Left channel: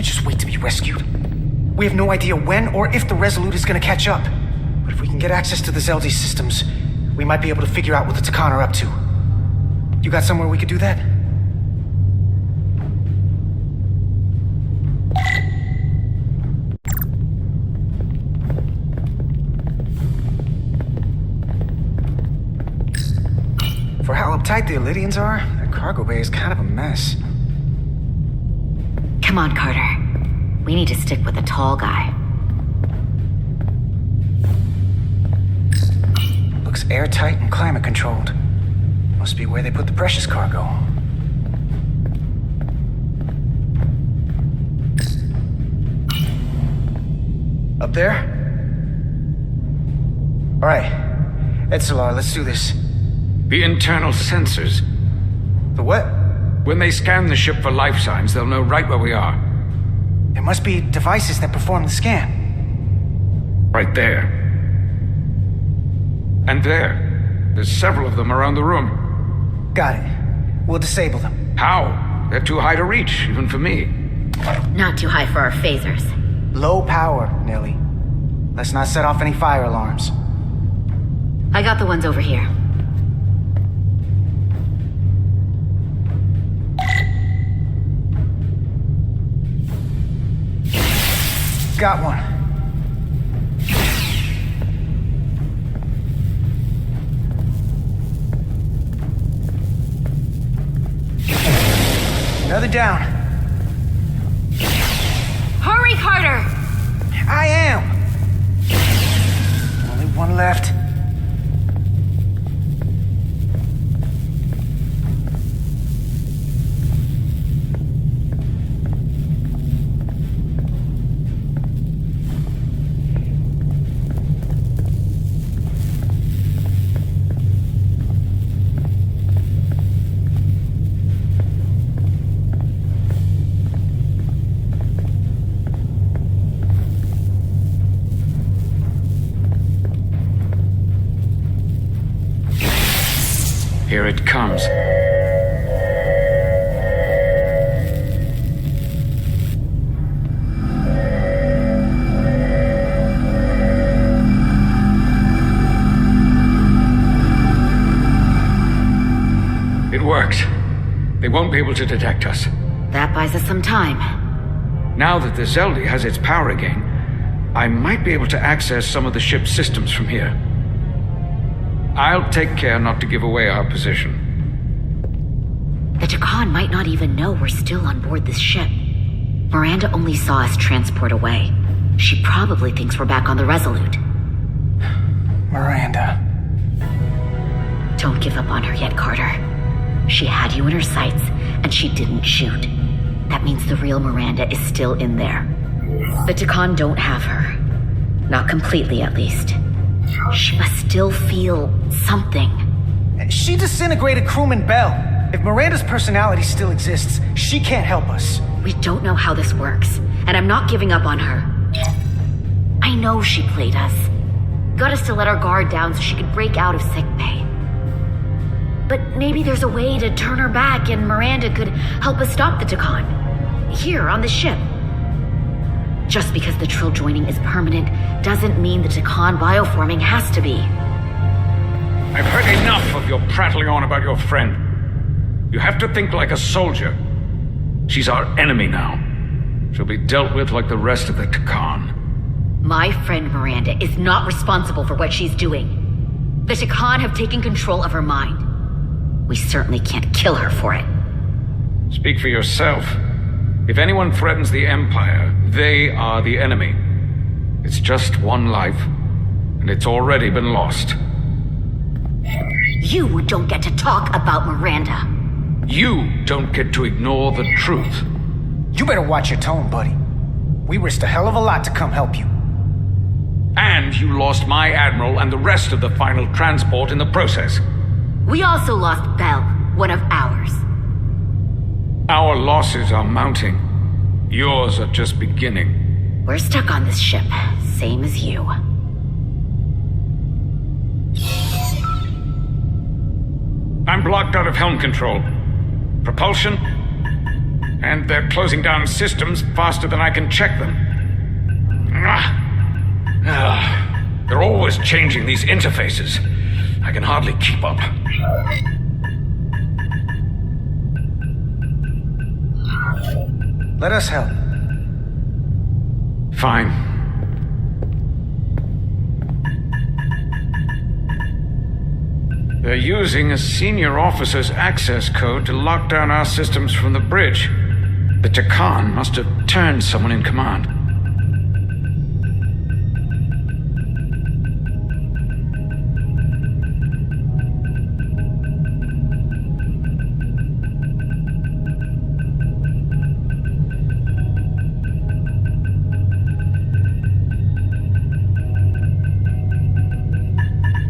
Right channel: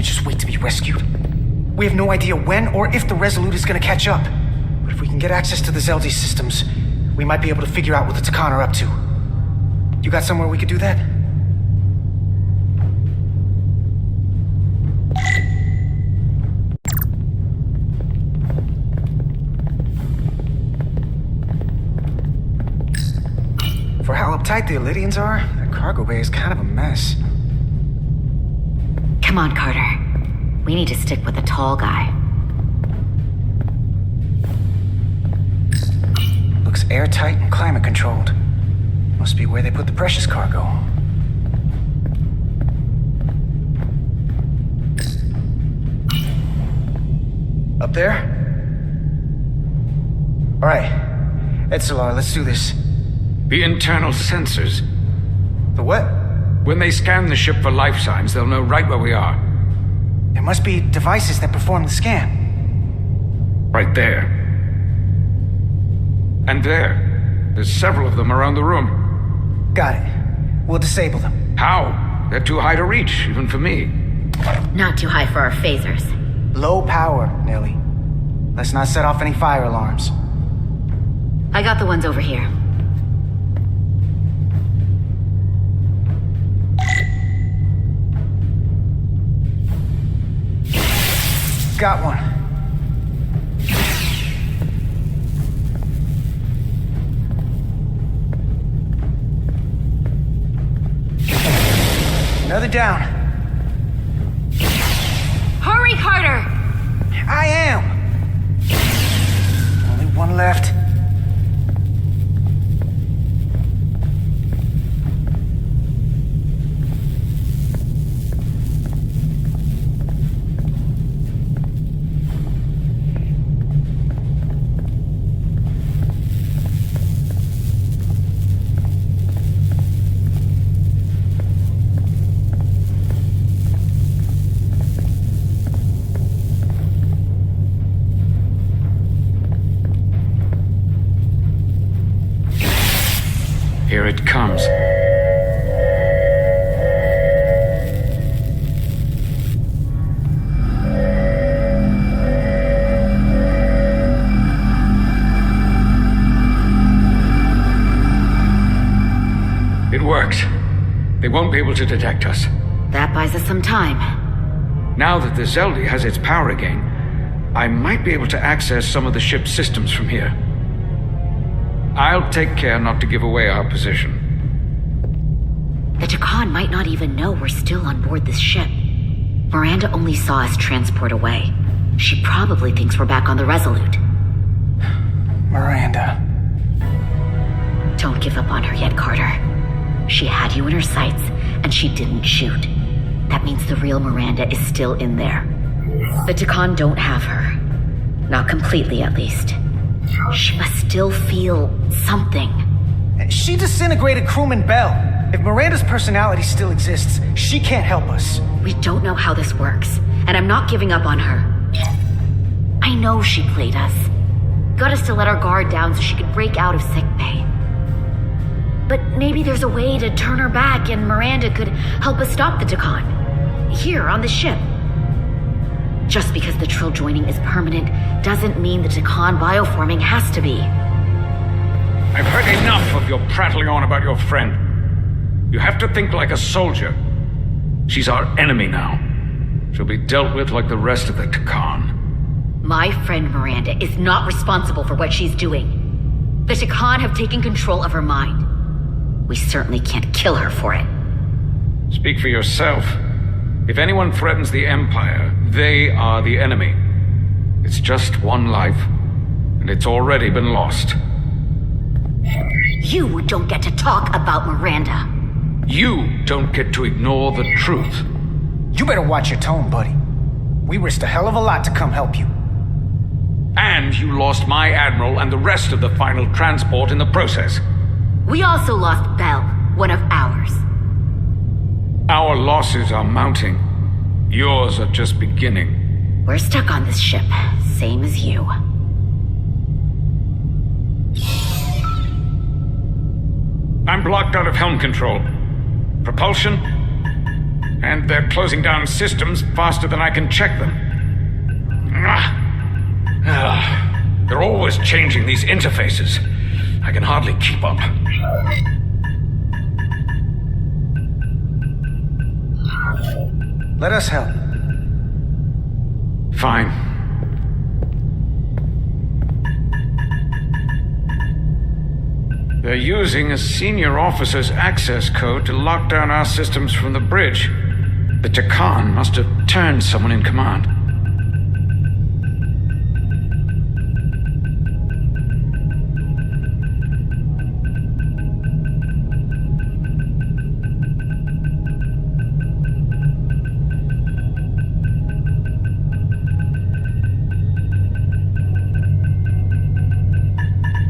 can't just wait to be rescued. We have no idea when or if the Resolute is gonna catch up. But if we can get access to the Zeldi systems, we might be able to figure out what the Takan are up to. You got somewhere we could do that? For how uptight the Elydians are, that cargo bay is kind of a mess. Come on, Carter. We need to stick with the tall guy. Looks airtight and climate controlled. Must be where they put the precious cargo. Up there? All right. Etzelar, let's do this. The internal sensors. The what? When they scan the ship for life signs, they'll know right where we are. There must be devices that perform the scan. Right there. And there. There's several of them around the room. Got it. We'll disable them. How? They're too high to reach, even for me. Not too high for our phasers. Low power, Nelly. Let's not set off any fire alarms. I got the ones over here. Got one. Another down. Hurry, Carter! I am. Only one left. Here it comes. It worked. They won't be able to detect us. That buys us some time. Now that the Zeldi has its power again, I might be able to access some of the ship's systems from here. I'll take care not to give away our position. The Takan might not even know we're still on board this ship. Miranda only saw us transport away. She probably thinks we're back on the Resolute. Miranda. Don't give up on her yet, Carter. She had you in her sights, and she didn't shoot. That means the real Miranda is still in there. The Takan don't have her. Not completely, at least. She must still feel something. She disintegrated crewman Bell. If Miranda's personality still exists, she can't help us. We don't know how this works, and I'm not giving up on her. I know she played us. Got us to let our guard down so she could break out of sickbay. But maybe there's a way to turn her back and Miranda could help us stop the Takan. Here, on the ship. Just because the Trill joining is permanent doesn't mean the Takan bioforming has to be. I've heard enough of your prattling on about your friend. You have to think like a soldier. She's our enemy now. She'll be dealt with like the rest of the Takan. My friend Miranda is not responsible for what she's doing. The Takan have taken control of her mind. We certainly can't kill her for it. Speak for yourself. If anyone threatens the Empire, they are the enemy. It's just one life, and it's already been lost. You don't get to talk about Miranda. You don't get to ignore the truth. You better watch your tone, buddy. We risked a hell of a lot to come help you. And you lost my Admiral and the rest of the final transport in the process. We also lost Bell, one of ours. Our losses are mounting. Yours are just beginning. We're stuck on this ship, same as you. I'm blocked out of helm control. Propulsion? And they're closing down systems faster than I can check them. They're always changing these interfaces. I can hardly keep up. Let us help. Fine. They're using a senior officer's access code to lock down our systems from the bridge. The Takan must have turned someone in command.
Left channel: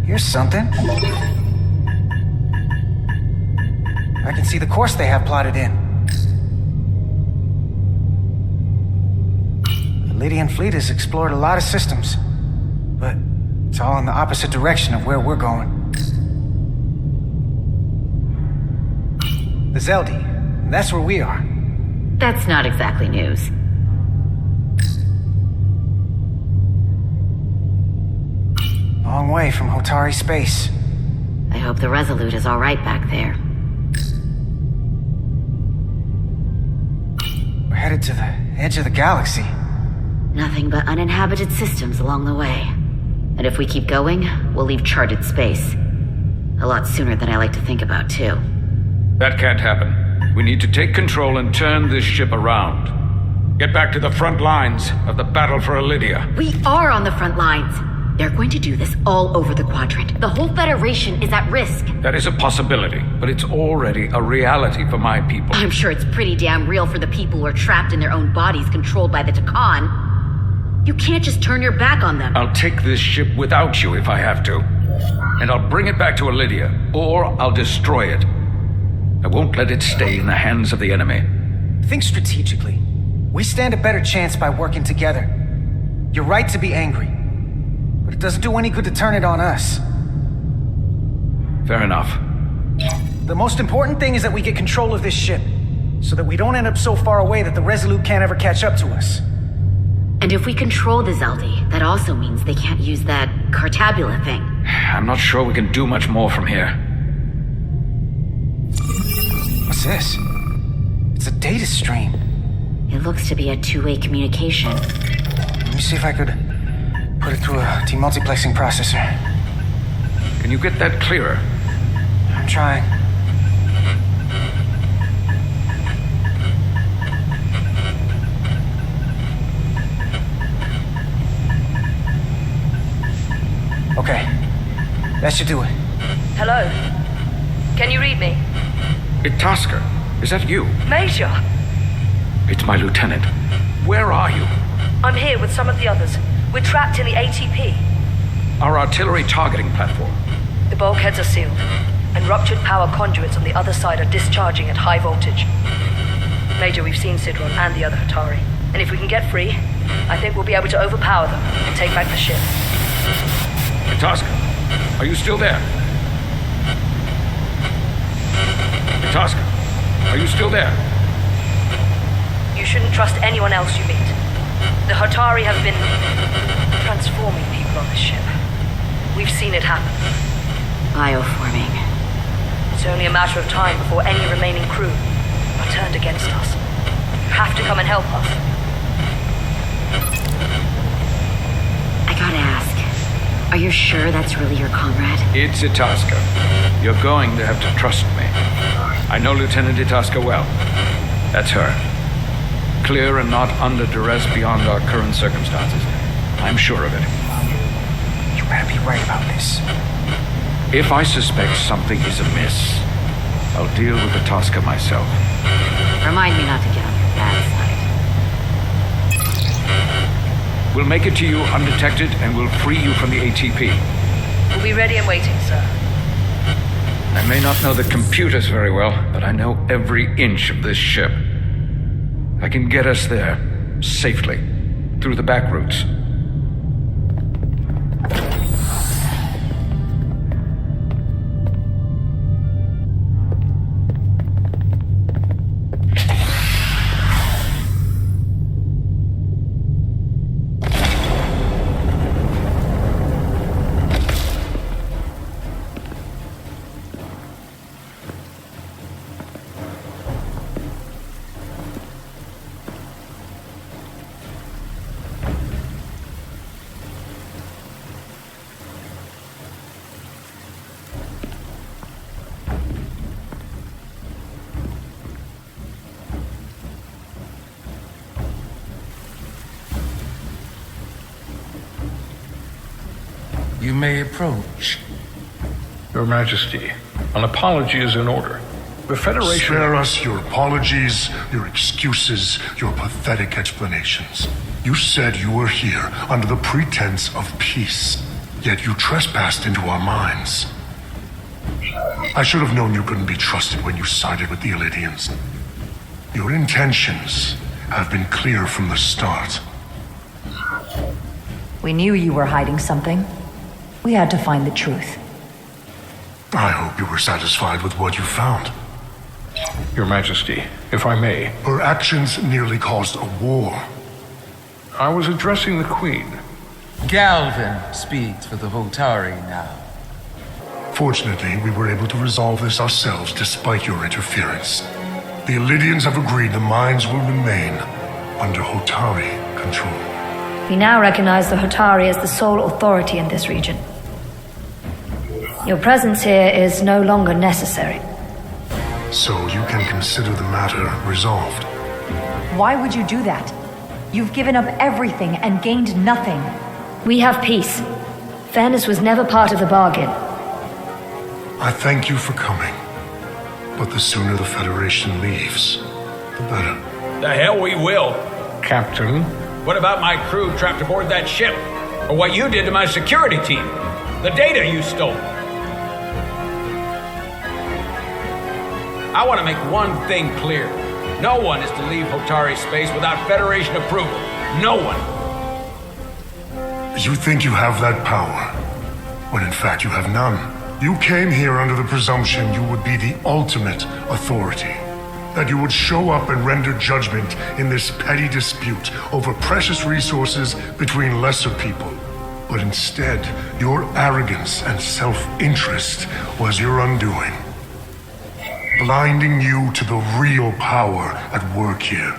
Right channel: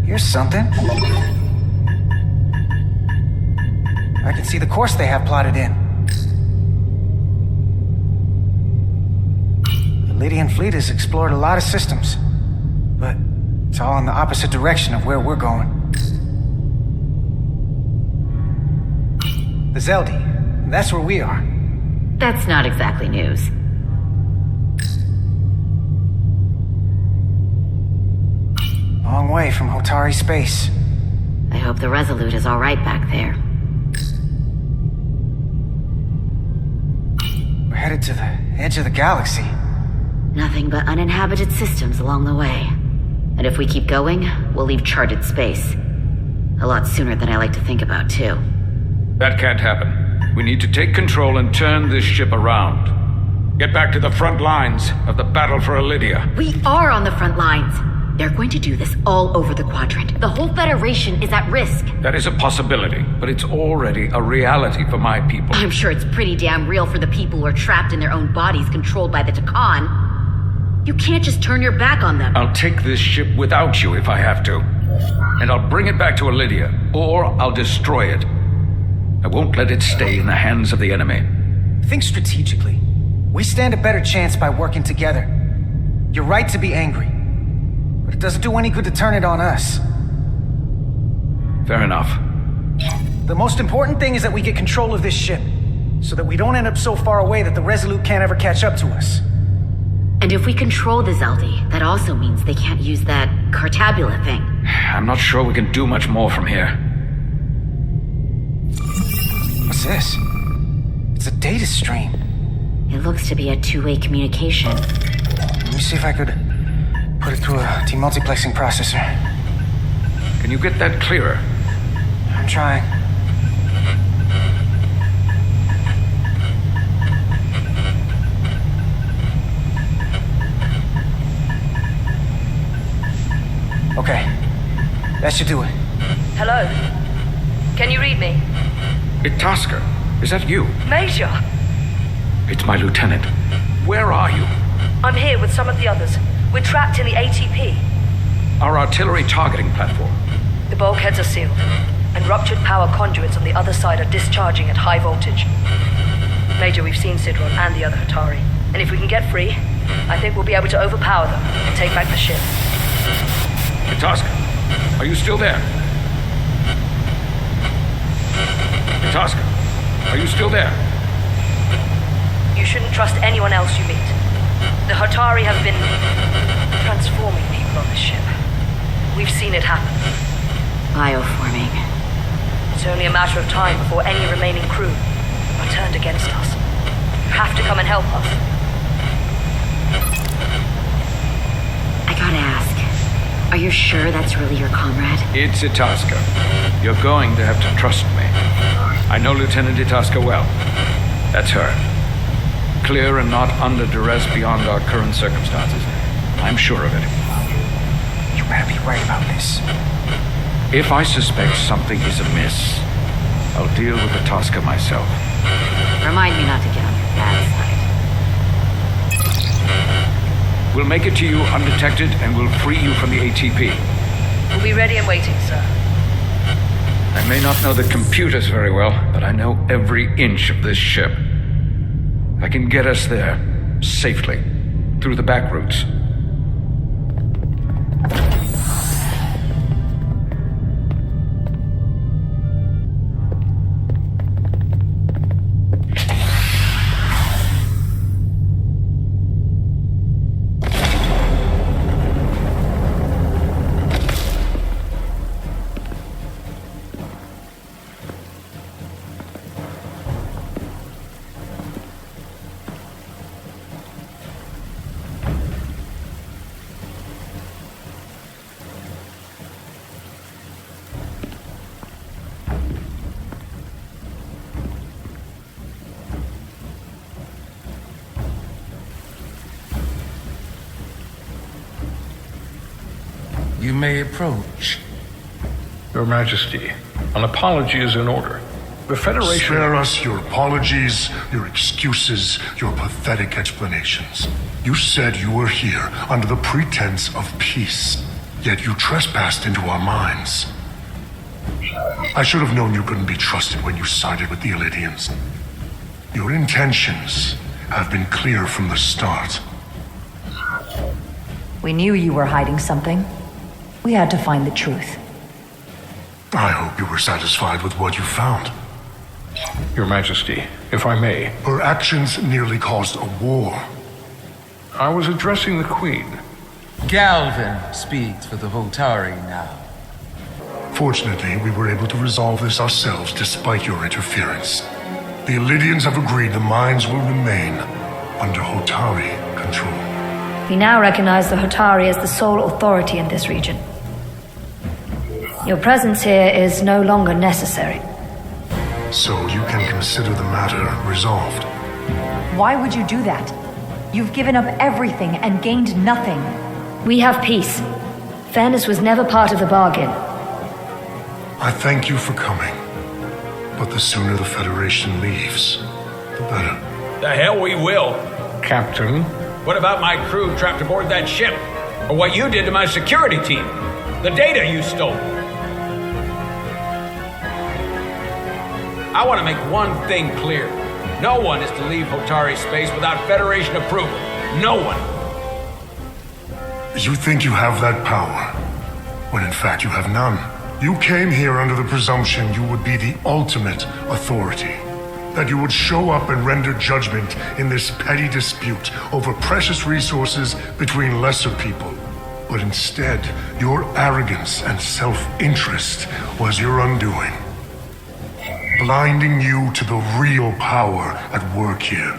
Here's something. I can see the course they have plotted in. The Lydian fleet has explored a lot of systems, but it's all in the opposite direction of where we're going. The Zeldi, that's where we are. That's not exactly news. Long way from Hotari space. I hope the Resolute is all right back there. We're headed to the edge of the galaxy. Nothing but uninhabited systems along the way. And if we keep going, we'll leave charted space. A lot sooner than I like to think about, too. That can't happen. We need to take control and turn this ship around. Get back to the front lines of the battle for Elydia. We are on the front lines. They're going to do this all over the quadrant. The whole Federation is at risk. That is a possibility, but it's already a reality for my people. I'm sure it's pretty damn real for the people who are trapped in their own bodies controlled by the Takan. You can't just turn your back on them. I'll take this ship without you if I have to. And I'll bring it back to Elydia, or I'll destroy it. I won't let it stay in the hands of the enemy. Think strategically. We stand a better chance by working together. You're right to be angry, but it doesn't do any good to turn it on us. Fair enough. The most important thing is that we get control of this ship, so that we don't end up so far away that the Resolute can't ever catch up to us. And if we control the Zeldi, that also means they can't use that Cartabula thing. I'm not sure we can do much more from here. What's this? It's a data stream. It looks to be a two-way communication. Let me see if I could put it through a demultiplexing processor. Can you get that clearer? I'm trying. Okay. That should do it. Hello? Can you read me? Itasca, is that you? Major! It's my lieutenant. Where are you? I'm here with some of the others. We're trapped in the ATP. Our artillery targeting platform. The bulkheads are sealed, and ruptured power conduits on the other side are discharging at high voltage. Major, we've seen Sidron and the other Hatari, and if we can get free, I think we'll be able to overpower them and take back the ship. Itasca, are you still there? Itasca, are you still there? You shouldn't trust anyone else you meet. The Hatari have been transforming people on this ship. We've seen it happen. Bioforming. It's only a matter of time before any remaining crew are turned against us. You have to come and help us. I gotta ask, are you sure that's really your comrade? It's Itasca. You're going to have to trust me. I know Lieutenant Itasca well. That's her. Clear and not under duress beyond our current circumstances. I'm sure of it. You better be right about this. If I suspect something is amiss, I'll deal with Itasca myself. Remind me not to get on your bad side. We'll make it to you undetected and we'll free you from the ATP. We'll be ready and waiting, sir. I may not know the computers very well, but I know every inch of this ship. I can get us there, safely, through the back routes. You may approach. Your Majesty, an apology is in order. The Federation... Spare us your apologies, your excuses, your pathetic explanations. You said you were here under the pretense of peace, yet you trespassed into our minds. I should have known you couldn't be trusted when you sided with the Elydians. Your intentions have been clear from the start. We knew you were hiding something. We had to find the truth. I hope you were satisfied with what you found. Your Majesty, if I may. Her actions nearly caused a war. I was addressing the Queen. Galvin speaks for the Hotari now. Fortunately, we were able to resolve this ourselves despite your interference. The Elydians have agreed the mines will remain under Hotari control. We now recognize the Hotari as the sole authority in this region. Your presence here is no longer necessary. So you can consider the matter resolved. Why would you do that? You've given up everything and gained nothing. We have peace. Fairness was never part of the bargain. I thank you for coming. But the sooner the Federation leaves, the better. The hell we will. Captain? What about my crew trapped aboard that ship? Or what you did to my security team? The data you stole? I want to make one thing clear. No one is to leave Hotari space without Federation approval. No one. You think you have that power, when in fact you have none. You came here under the presumption you would be the ultimate authority. That you would show up and render judgment in this petty dispute over precious resources between lesser people. But instead, your arrogance and self-interest was your undoing. Blinding you to the real power at work here.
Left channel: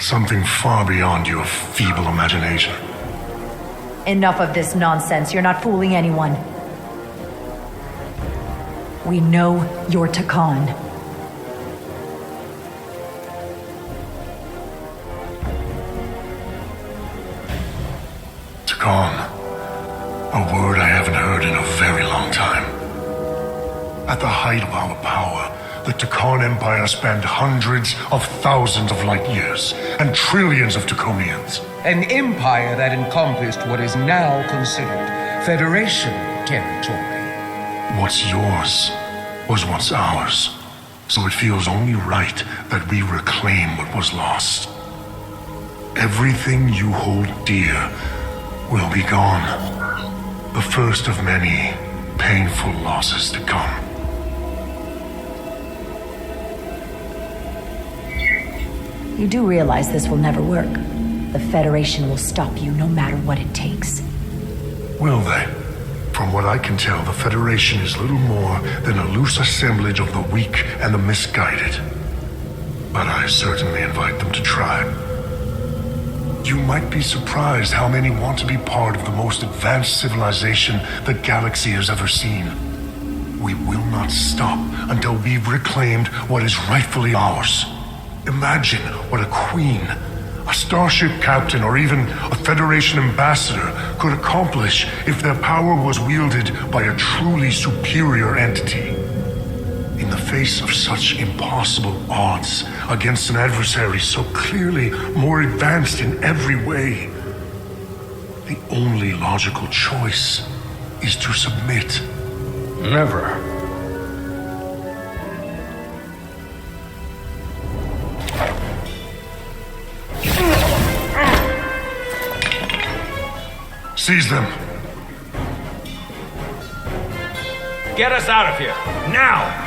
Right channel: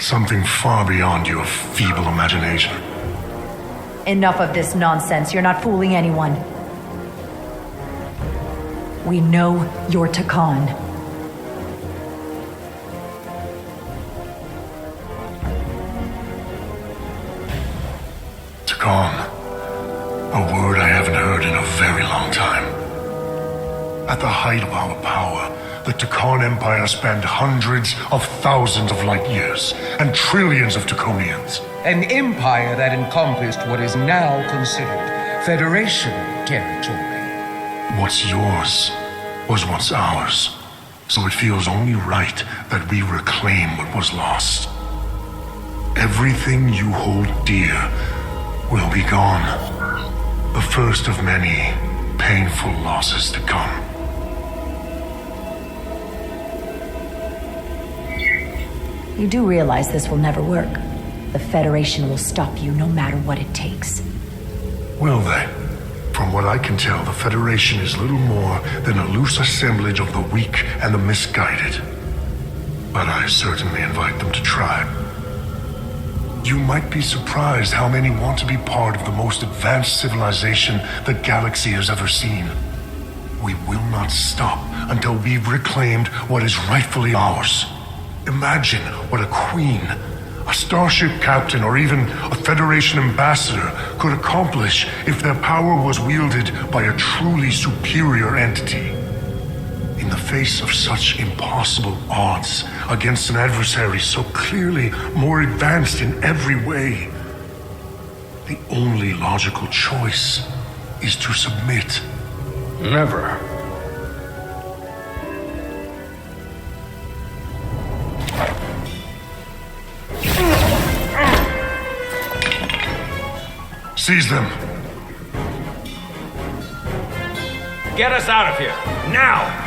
Something far beyond your feeble imagination. Enough of this nonsense. You're not fooling anyone. We know you're Takan. Takan. A word I haven't heard in a very long time. At the height of our power, the Takan Empire spanned hundreds of thousands of light years and trillions of Taconians. An empire that encompassed what is now considered Federation territory. What's yours was once ours, so it feels only right that we reclaim what was lost. Everything you hold dear will be gone. The first of many painful losses to come. You do realize this will never work. The Federation will stop you no matter what it takes. Will they? From what I can tell, the Federation is little more than a loose assemblage of the weak and the misguided. But I certainly invite them to try. You might be surprised how many want to be part of the most advanced civilization the galaxy has ever seen. We will not stop until we've reclaimed what is rightfully ours. Imagine what a queen, a starship captain, or even a Federation ambassador could accomplish if their power was wielded by a truly superior entity. In the face of such impossible odds against an adversary so clearly more advanced in every way, the only logical choice is to submit. Never. Seize them. Get us out of here, now!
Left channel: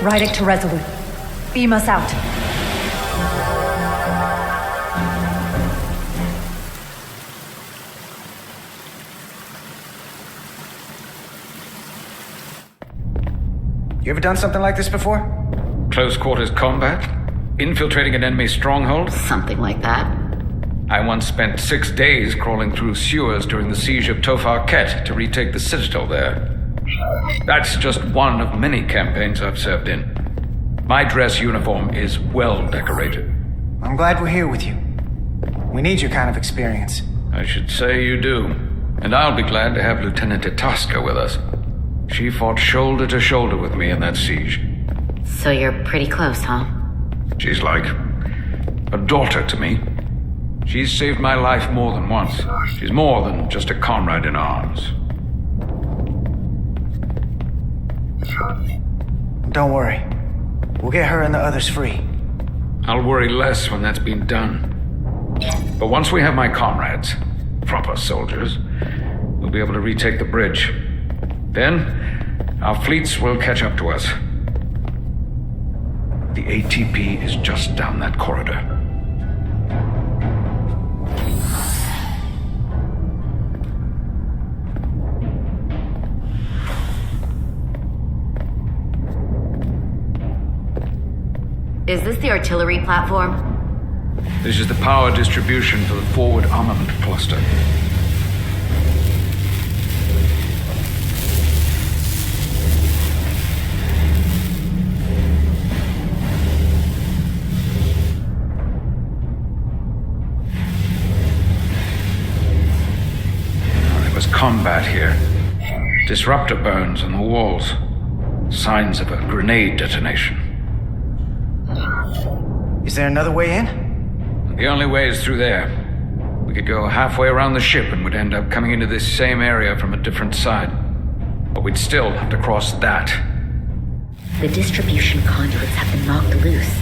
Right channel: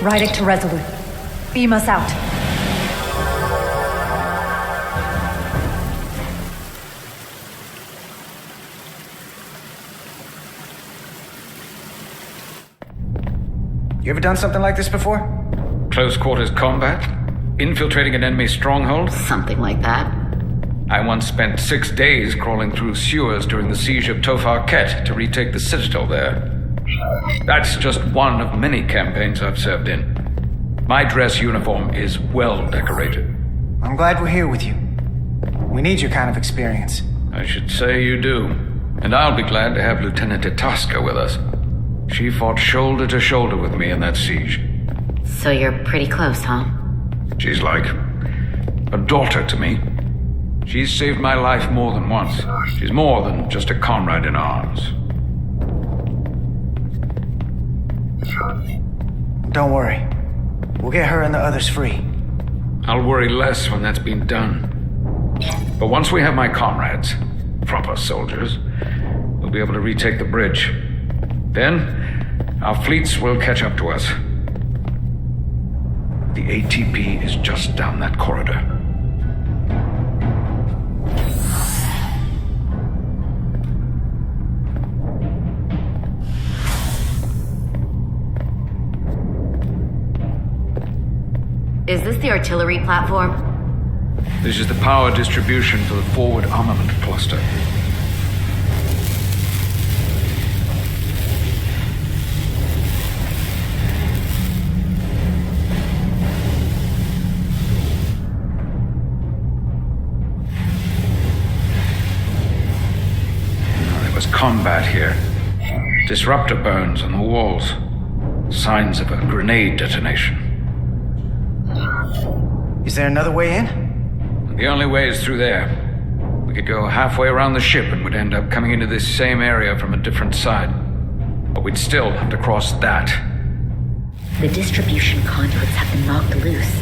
Ride it to Resolute. Beam us out. You ever done something like this before? Close quarters combat? Infiltrating an enemy stronghold? Something like that. I once spent 6 days crawling through sewers during the siege of Tofar Ket to retake the citadel there. That's just one of many campaigns I've served in. My dress uniform is well decorated. I'm glad we're here with you. We need your kind of experience. I should say you do. And I'll be glad to have Lieutenant Itasca with us. She fought shoulder to shoulder with me in that siege. So you're pretty close, huh? She's like a daughter to me. She's saved my life more than once. She's more than just a comrade in arms. Don't worry. We'll get her and the others free. I'll worry less when that's been done. But once we have my comrades, proper soldiers, we'll be able to retake the bridge. Then, our fleets will catch up to us. The ATP is just down that corridor. Is this the artillery platform? This is the power distribution for the forward armament cluster. There was combat here. Disruptor burns on the walls. Signs of a grenade detonation. Is there another way in? The only way is through there. We could go halfway around the ship and would end up coming into this same area from a different side. But we'd still have to cross that. The distribution conduits have been knocked loose.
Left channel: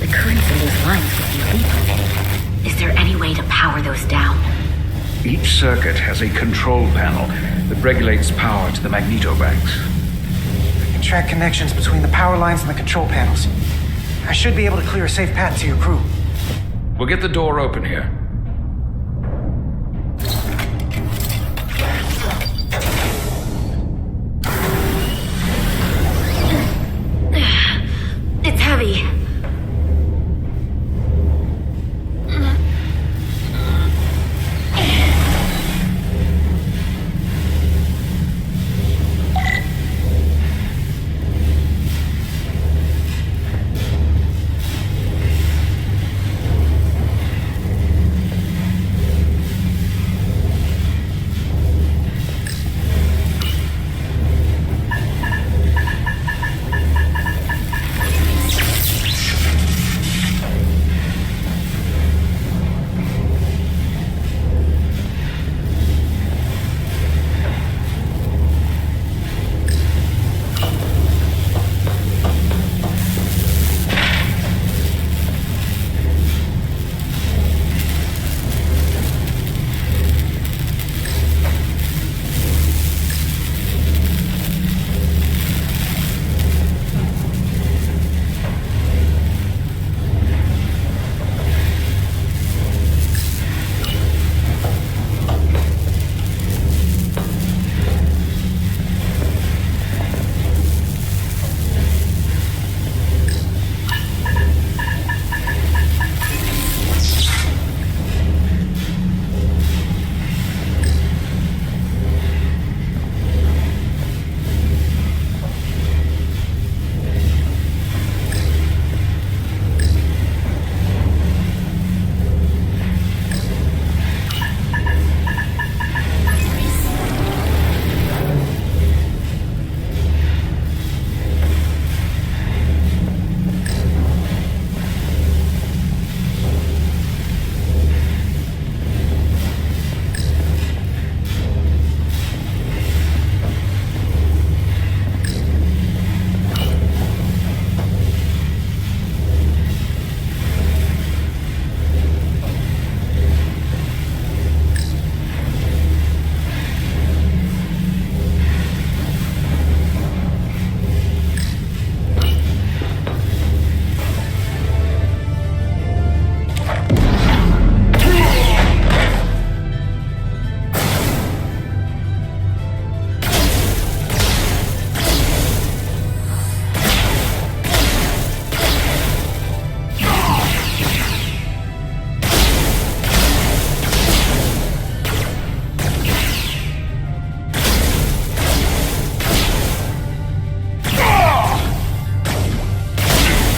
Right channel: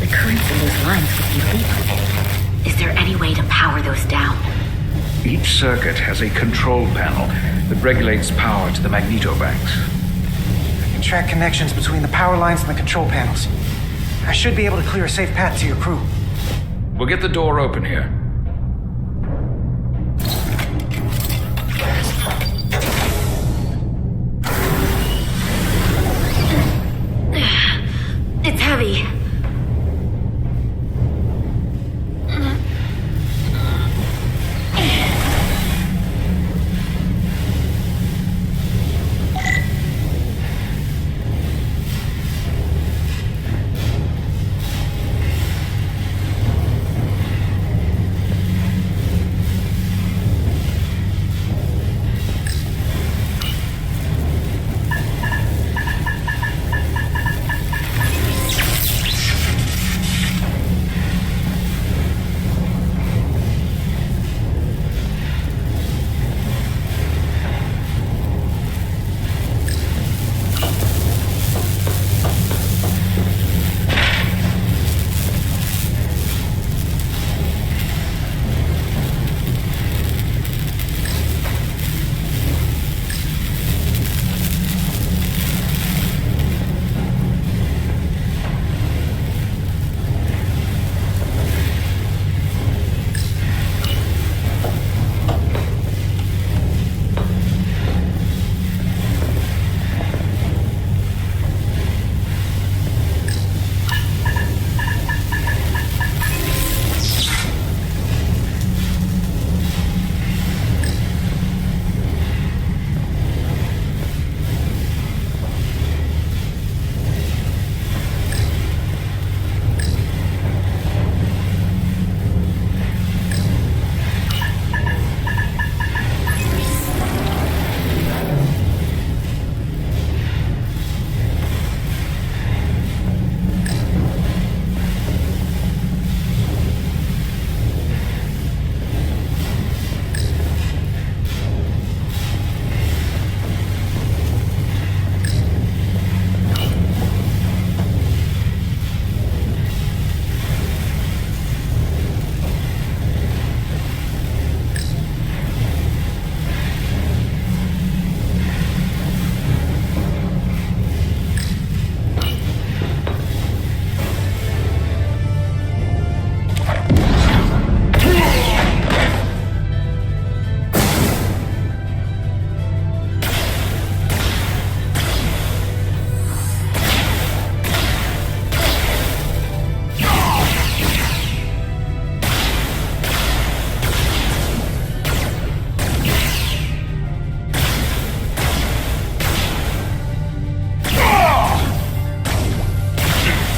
The currents in those lines would be lethal. Is there any way to power those down? Each circuit has a control panel that regulates power to the magnetobanks. I can track connections between the power lines and the control panels. I should be able to clear a safe path to your crew. We'll get the door open here. It's heavy.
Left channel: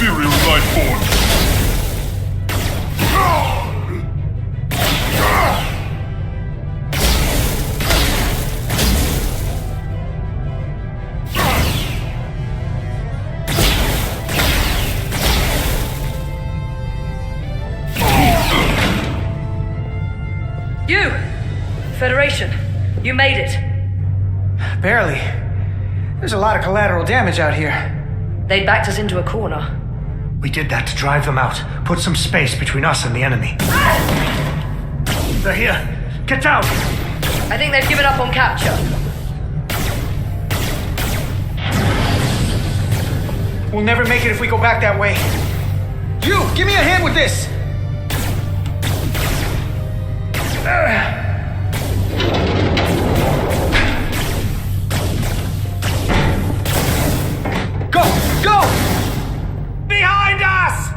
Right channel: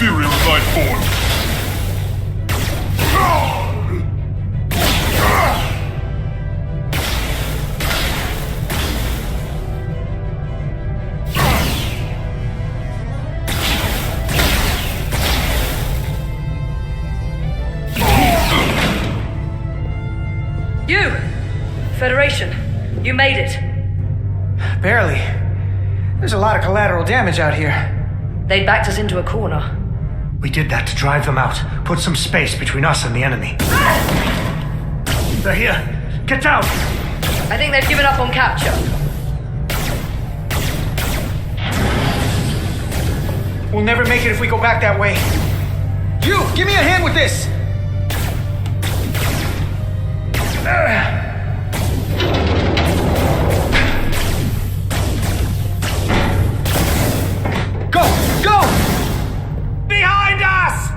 Ethereal life form. Federation, you made it. Barely. There's a lot of collateral damage out here. They backed us into a corner. We did that to drive them out. Put some space between us and the enemy. They're here. Get down! I think they've given up on capture. We'll never make it if we go back that way. You! Give me a hand with this! Go! Go! Behind us!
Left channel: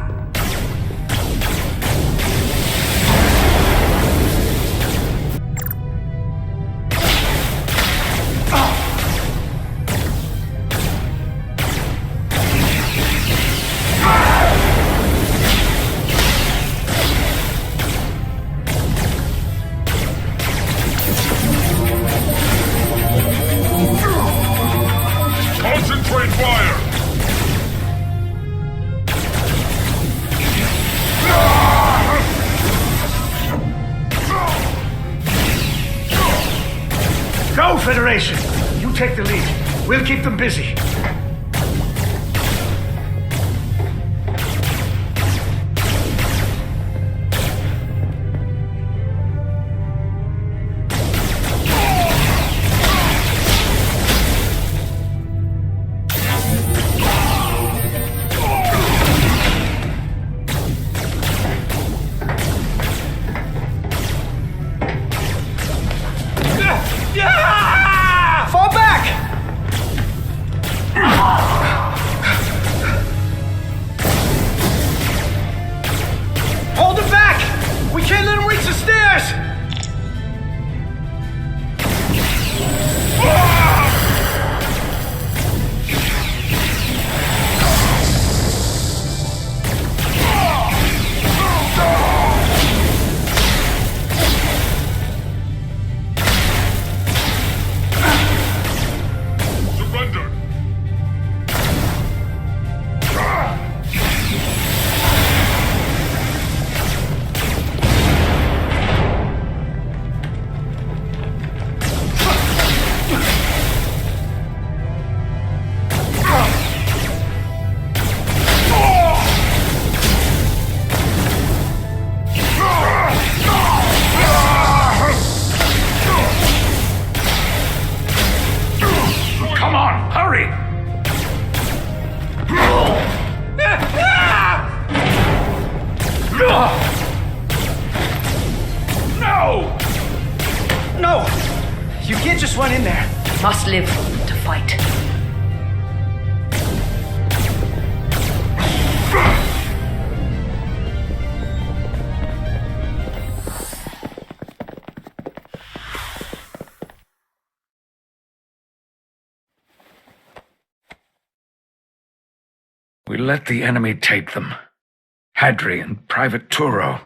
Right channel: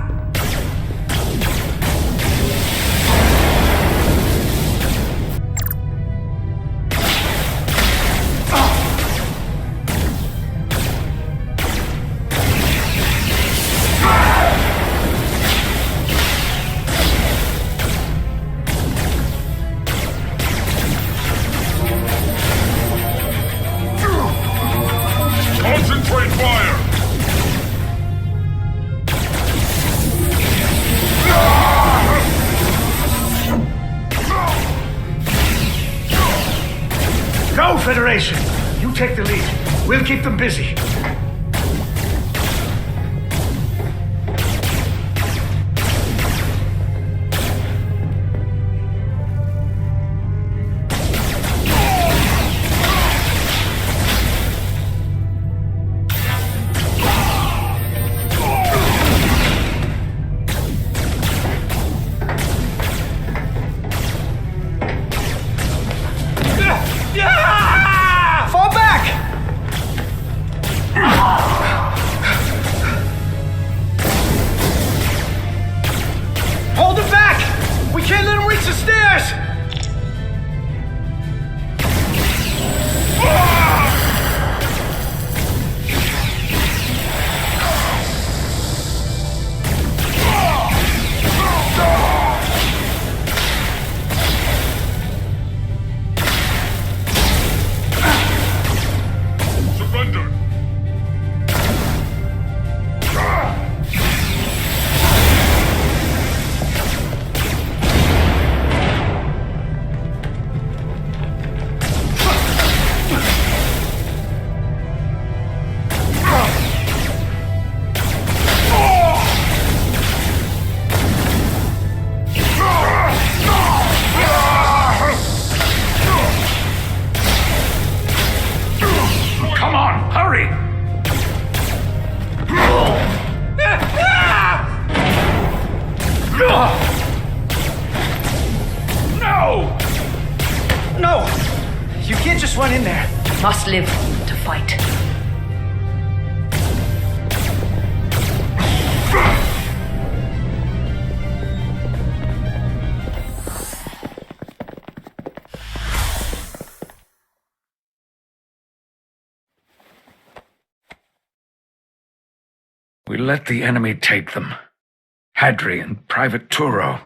Concentrate fire! Go, Federation! You take the lead. We'll keep them busy. Fall back! Hold it back! We can't let him reach the stairs! Surrender! Come on, hurry! No! No! You can't just run in there. Must live to fight. We let the enemy take them. Hadri and Private Turo.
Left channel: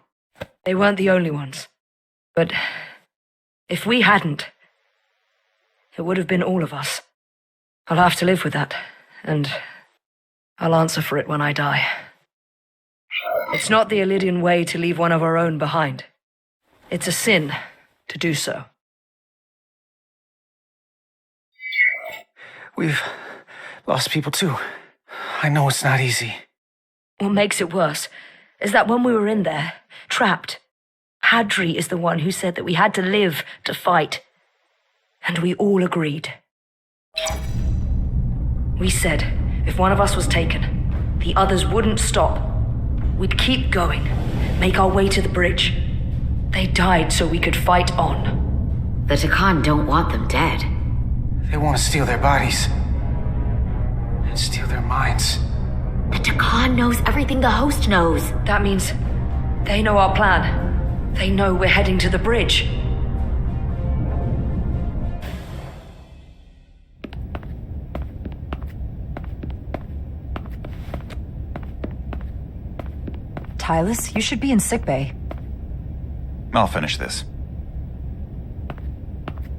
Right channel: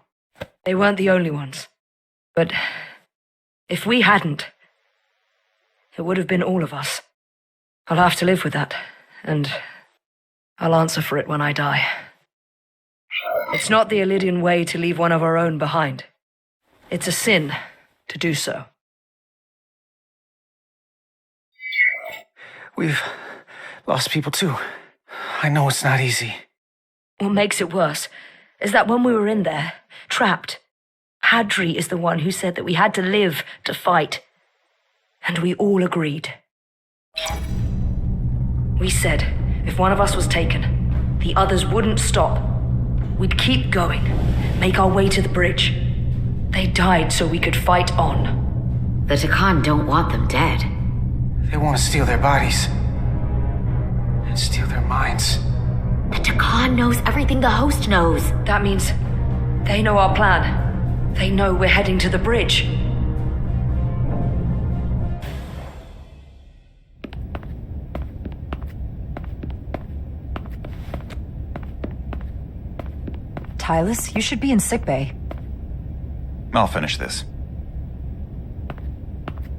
They weren't the only ones. But if we hadn't, it would have been all of us. I'll have to live with that, and I'll answer for it when I die. It's not the Illydian way to leave one of our own behind. It's a sin to do so. We've lost people too. I know it's not easy. What makes it worse is that when we were in there, trapped, Hadri is the one who said that we had to live to fight. And we all agreed. We said if one of us was taken, the others wouldn't stop. We'd keep going, make our way to the bridge. They died so we could fight on. The Takan don't want them dead. They want to steal their bodies. And steal their minds. The Takan knows everything the host knows. That means they know our plan. They know we're heading to the bridge. Tylus, you should be in sickbay. I'll finish this.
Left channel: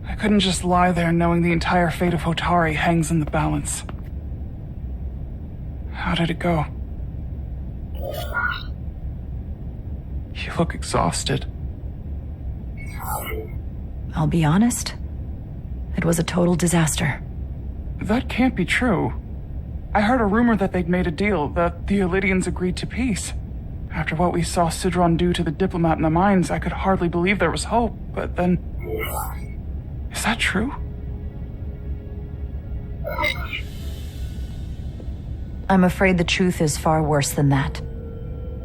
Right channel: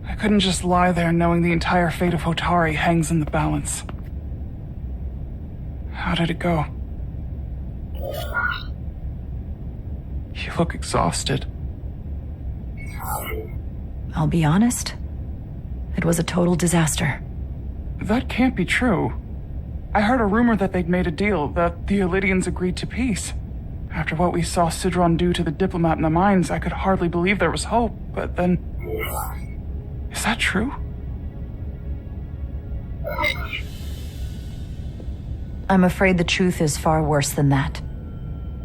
I couldn't just lie there knowing the entire fate of Hotari hangs in the balance. How did it go? You look exhausted. I'll be honest. It was a total disaster. That can't be true. I heard a rumor that they'd made a deal, that the Elydians agreed to peace. After what we saw Sidron do to the diplomat in the mines, I could hardly believe there was hope, but then... Is that true? I'm afraid the truth is far worse than that.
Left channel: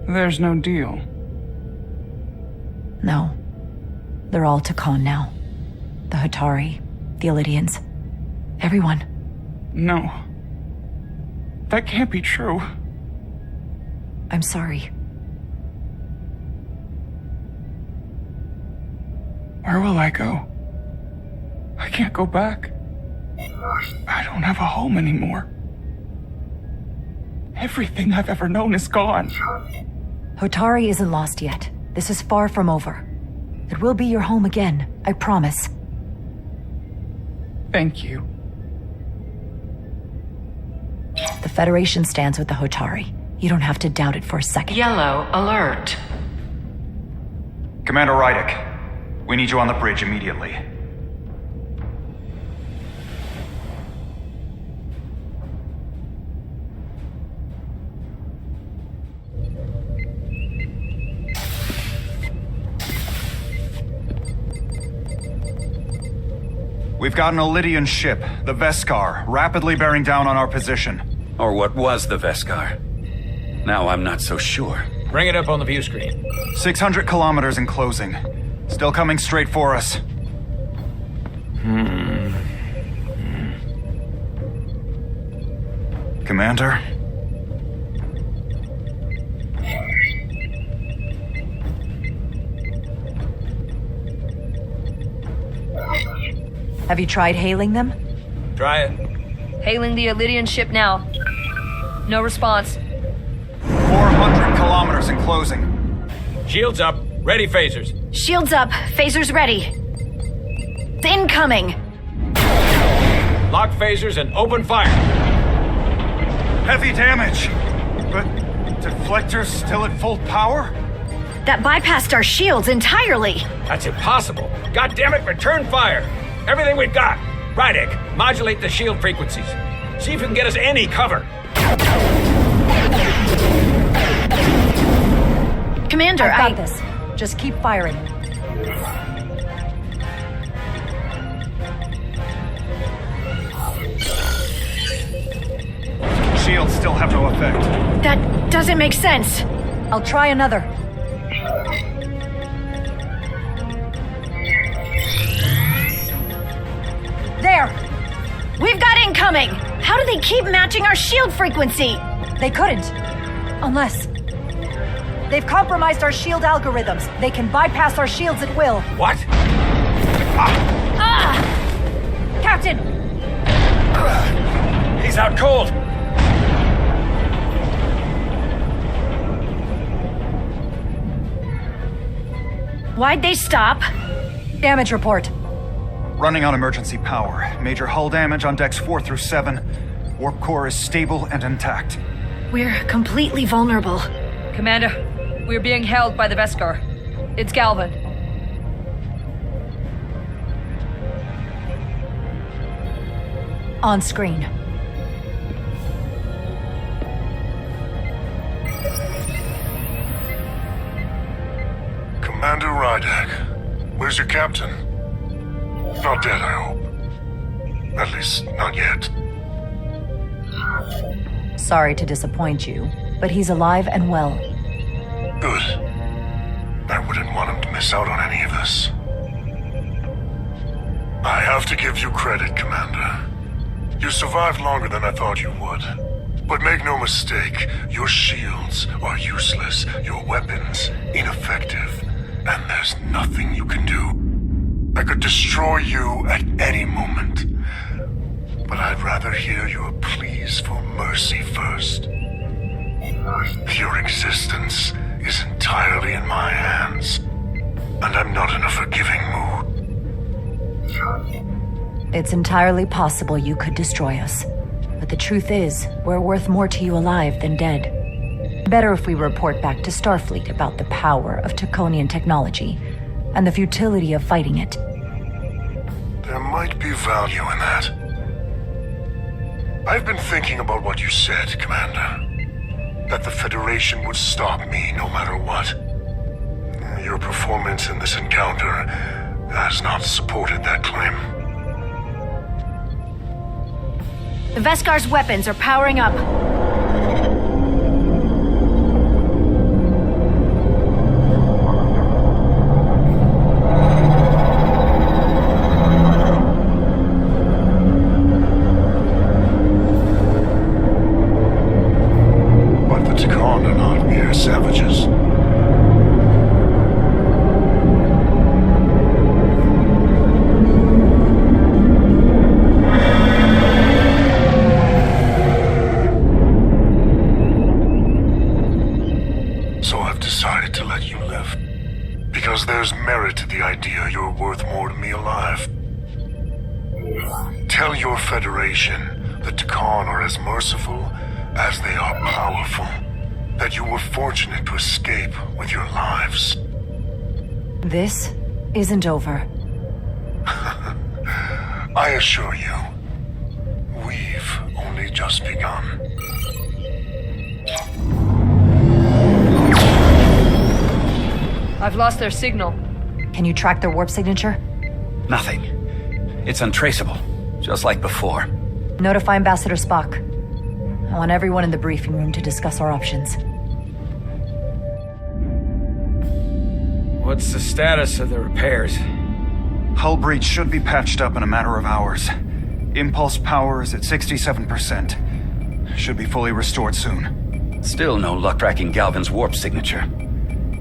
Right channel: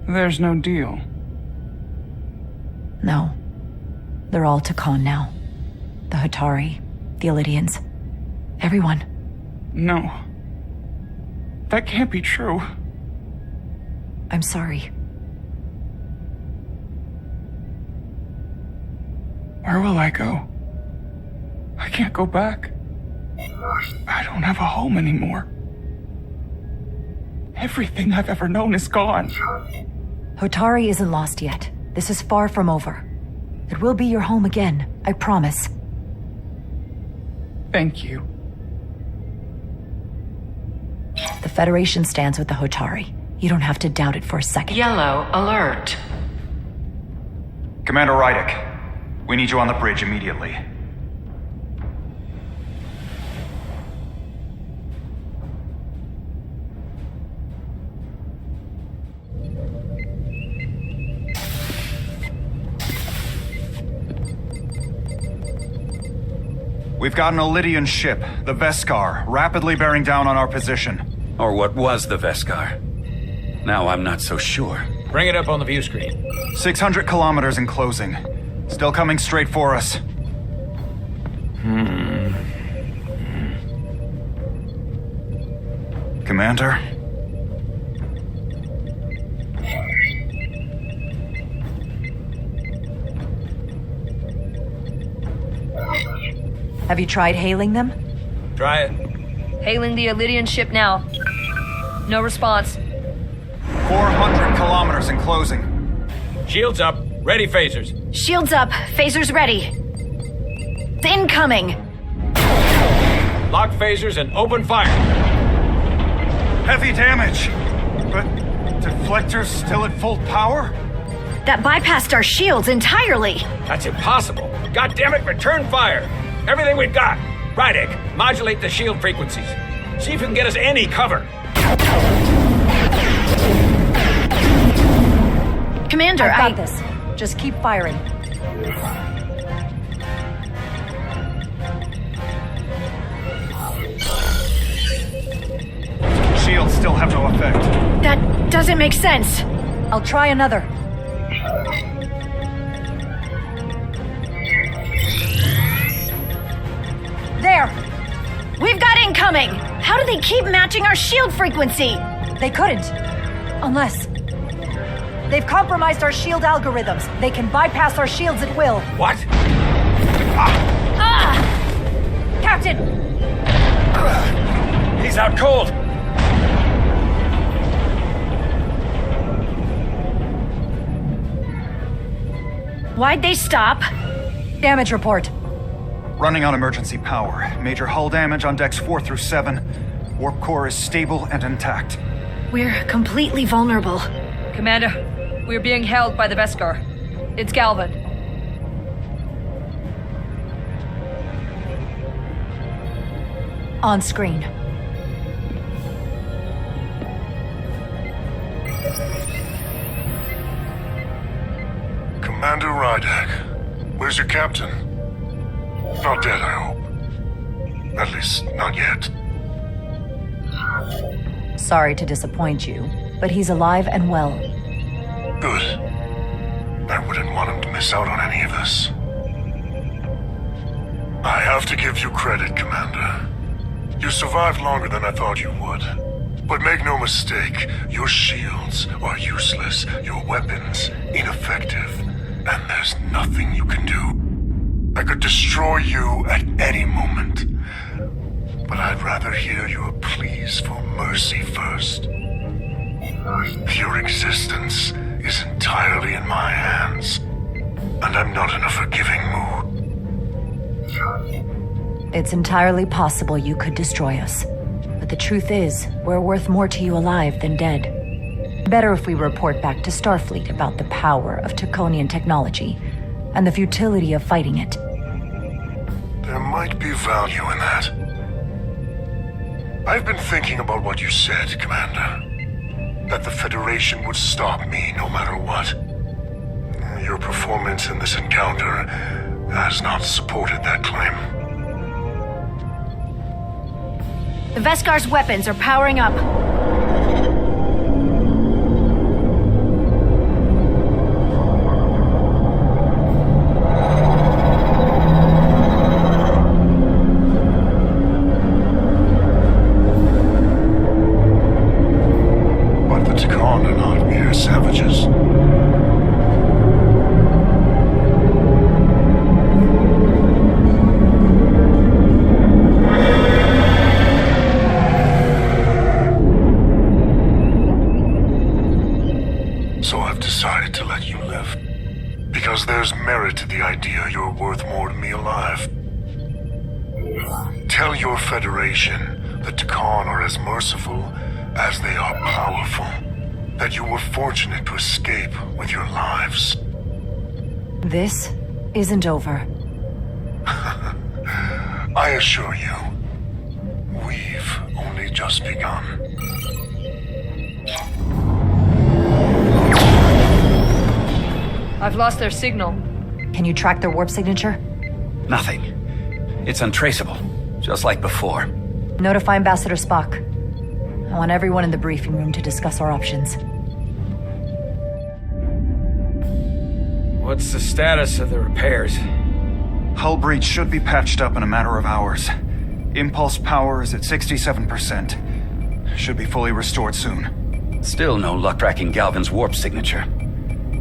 There's no deal. No. They're all Takan now. The Hatari, the Elydians, everyone. No. That can't be true. I'm sorry. Where will I go? I can't go back. I don't have a home anymore. Everything I've ever known is gone. Hatari isn't lost yet. This is far from over. It will be your home again, I promise. Thank you. The Federation stands with the Hatari. You don't have to doubt it for a second. Yellow alert. Commander Rydick, we need you on the bridge immediately. We've got an Elydian ship, the Veskar, rapidly bearing down on our position. Or what was the Veskar. Now I'm not so sure. Bring it up on the view screen. 600 kilometers in closing. Still coming straight for us. Commander? Have you tried hailing them? Try it. Hailing the Elydian ship now. No response. 400 kilometers in closing. Shields up. Ready phasers. Shields up. Phasers ready. Incoming. Lock phasers and open fire. Heavy damage. But deflectors still at full power? That bypassed our shields entirely. That's impossible. God damn it, return fire. Everything we've got. Rydick, modulate the shield frequencies. See if you can get us any cover. Commander, I've got this. Just keep firing. Shields still have no effect. That doesn't make sense. I'll try another. There! We've got incoming! How do they keep matching our shield frequency? They couldn't. Unless... They've compromised our shield algorithms. They can bypass our shields at will. What? Captain! He's out cold. Why'd they stop? Damage report. Running on emergency power. Major hull damage on decks 4 through 7. Warp core is stable and intact. We're completely vulnerable. Commander, we're being held by the Veskar. It's Galvin. On screen. Commander Rydick, where's your captain? Not dead, I hope. At least, not yet. Sorry to disappoint you, but he's alive and well. Good. I wouldn't want him to miss out on any of this. I have to give you credit, Commander. You survived longer than I thought you would. But make no mistake, your shields are useless, your weapons ineffective, and there's nothing you can do. I could destroy you at any moment. But I'd rather hear your pleas for mercy first. Your existence is entirely in my hands, and I'm not in a forgiving mood. It's entirely possible you could destroy us. But the truth is, we're worth more to you alive than dead. Better if we report back to Starfleet about the power of Taconian technology and the futility of fighting it. might be value in that. I've been thinking about what you said, Commander. That the Federation would stop me no matter what. Your performance in this encounter has not supported that claim. The Veskar's weapons are powering up. But the Takan are not mere savages. So I've decided to let you live. Because there's merit to the idea you're worth more to me alive. Tell your Federation the Takan are as merciful as they are powerful. That you were fortunate to escape with your lives. This isn't over. I assure you, we've only just begun. I've lost their signal. Can you track their warp signature? Nothing. It's untraceable, just like before. Notify Ambassador Spock. I want everyone in the briefing room to discuss our options. What's the status of the repairs? Hull breach should be patched up in a matter of hours. Impulse power is at 67%. Should be fully restored soon. Still no luck tracking Galvin's warp signature.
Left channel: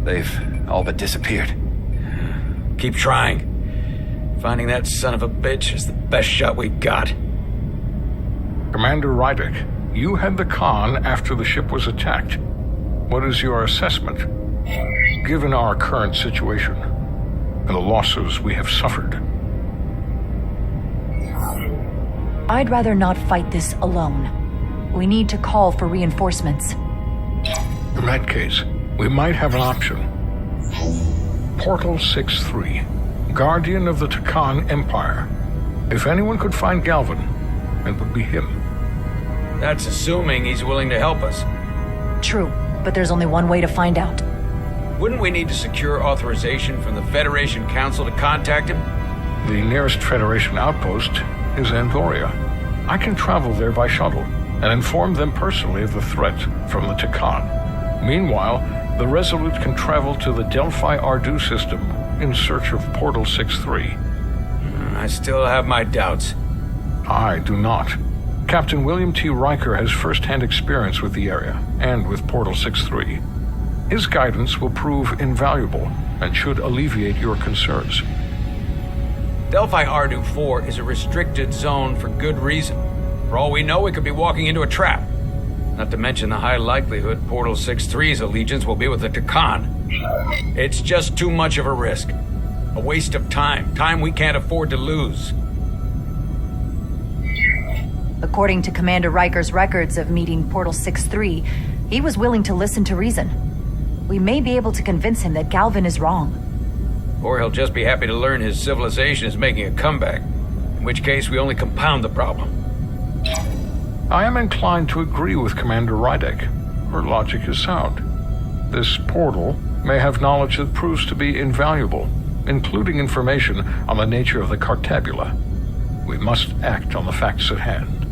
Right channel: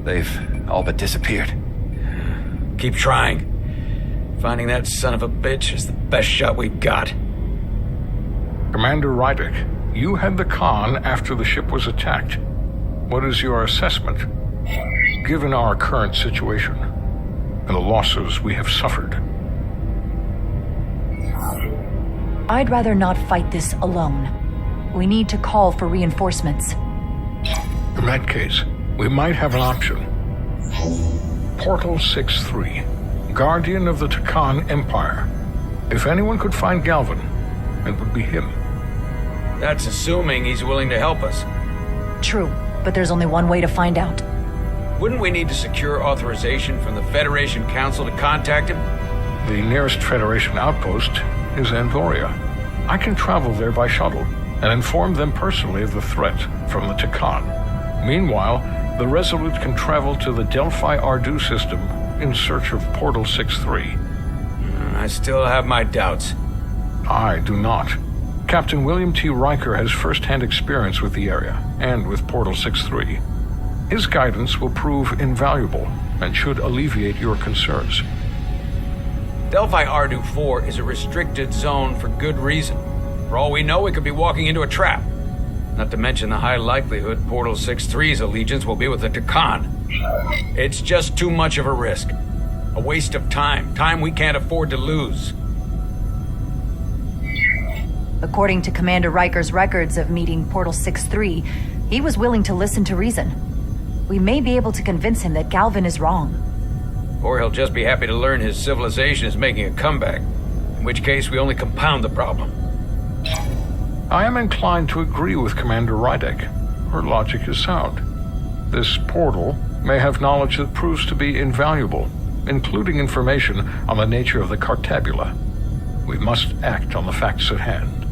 They've all but disappeared. Keep trying. Finding that son of a bitch is the best shot we've got. Commander Rydick, you had the Khan after the ship was attacked. What is your assessment? Given our current situation and the losses we have suffered. I'd rather not fight this alone. We need to call for reinforcements. In that case, we might have an option. Portal 6-3, Guardian of the Takan Empire. If anyone could find Galvin, it would be him. That's assuming he's willing to help us. True, but there's only one way to find out. Wouldn't we need to secure authorization from the Federation Council to contact him? The nearest Federation outpost is Andoria. I can travel there by shuttle and inform them personally of the threat from the Takan. Meanwhile, the Resolute can travel to the Delphi Ardu system in search of Portal 6-3. I still have my doubts. I do not. Captain William T. Riker has first-hand experience with the area and with Portal 6-3. His guidance will prove invaluable and should alleviate your concerns. Delphi Ardu 4 is a restricted zone for good reason. For all we know, we could be walking into a trap. Not to mention the high likelihood Portal 6-3's allegiance will be with the Takan. It's just too much of a risk. A waste of time. Time we can't afford to lose. According to Commander Riker's records of meeting Portal 6-3, he was willing to listen to reason. We may be able to convince him that Galvin is wrong. Or he'll just be happy to learn his civilization is making a comeback. In which case, we only compound the problem. I am inclined to agree with Commander Rydick. Her logic is sound. This portal may have knowledge that proves to be invaluable, including information on the nature of the Cartabula. We must act on the facts at hand.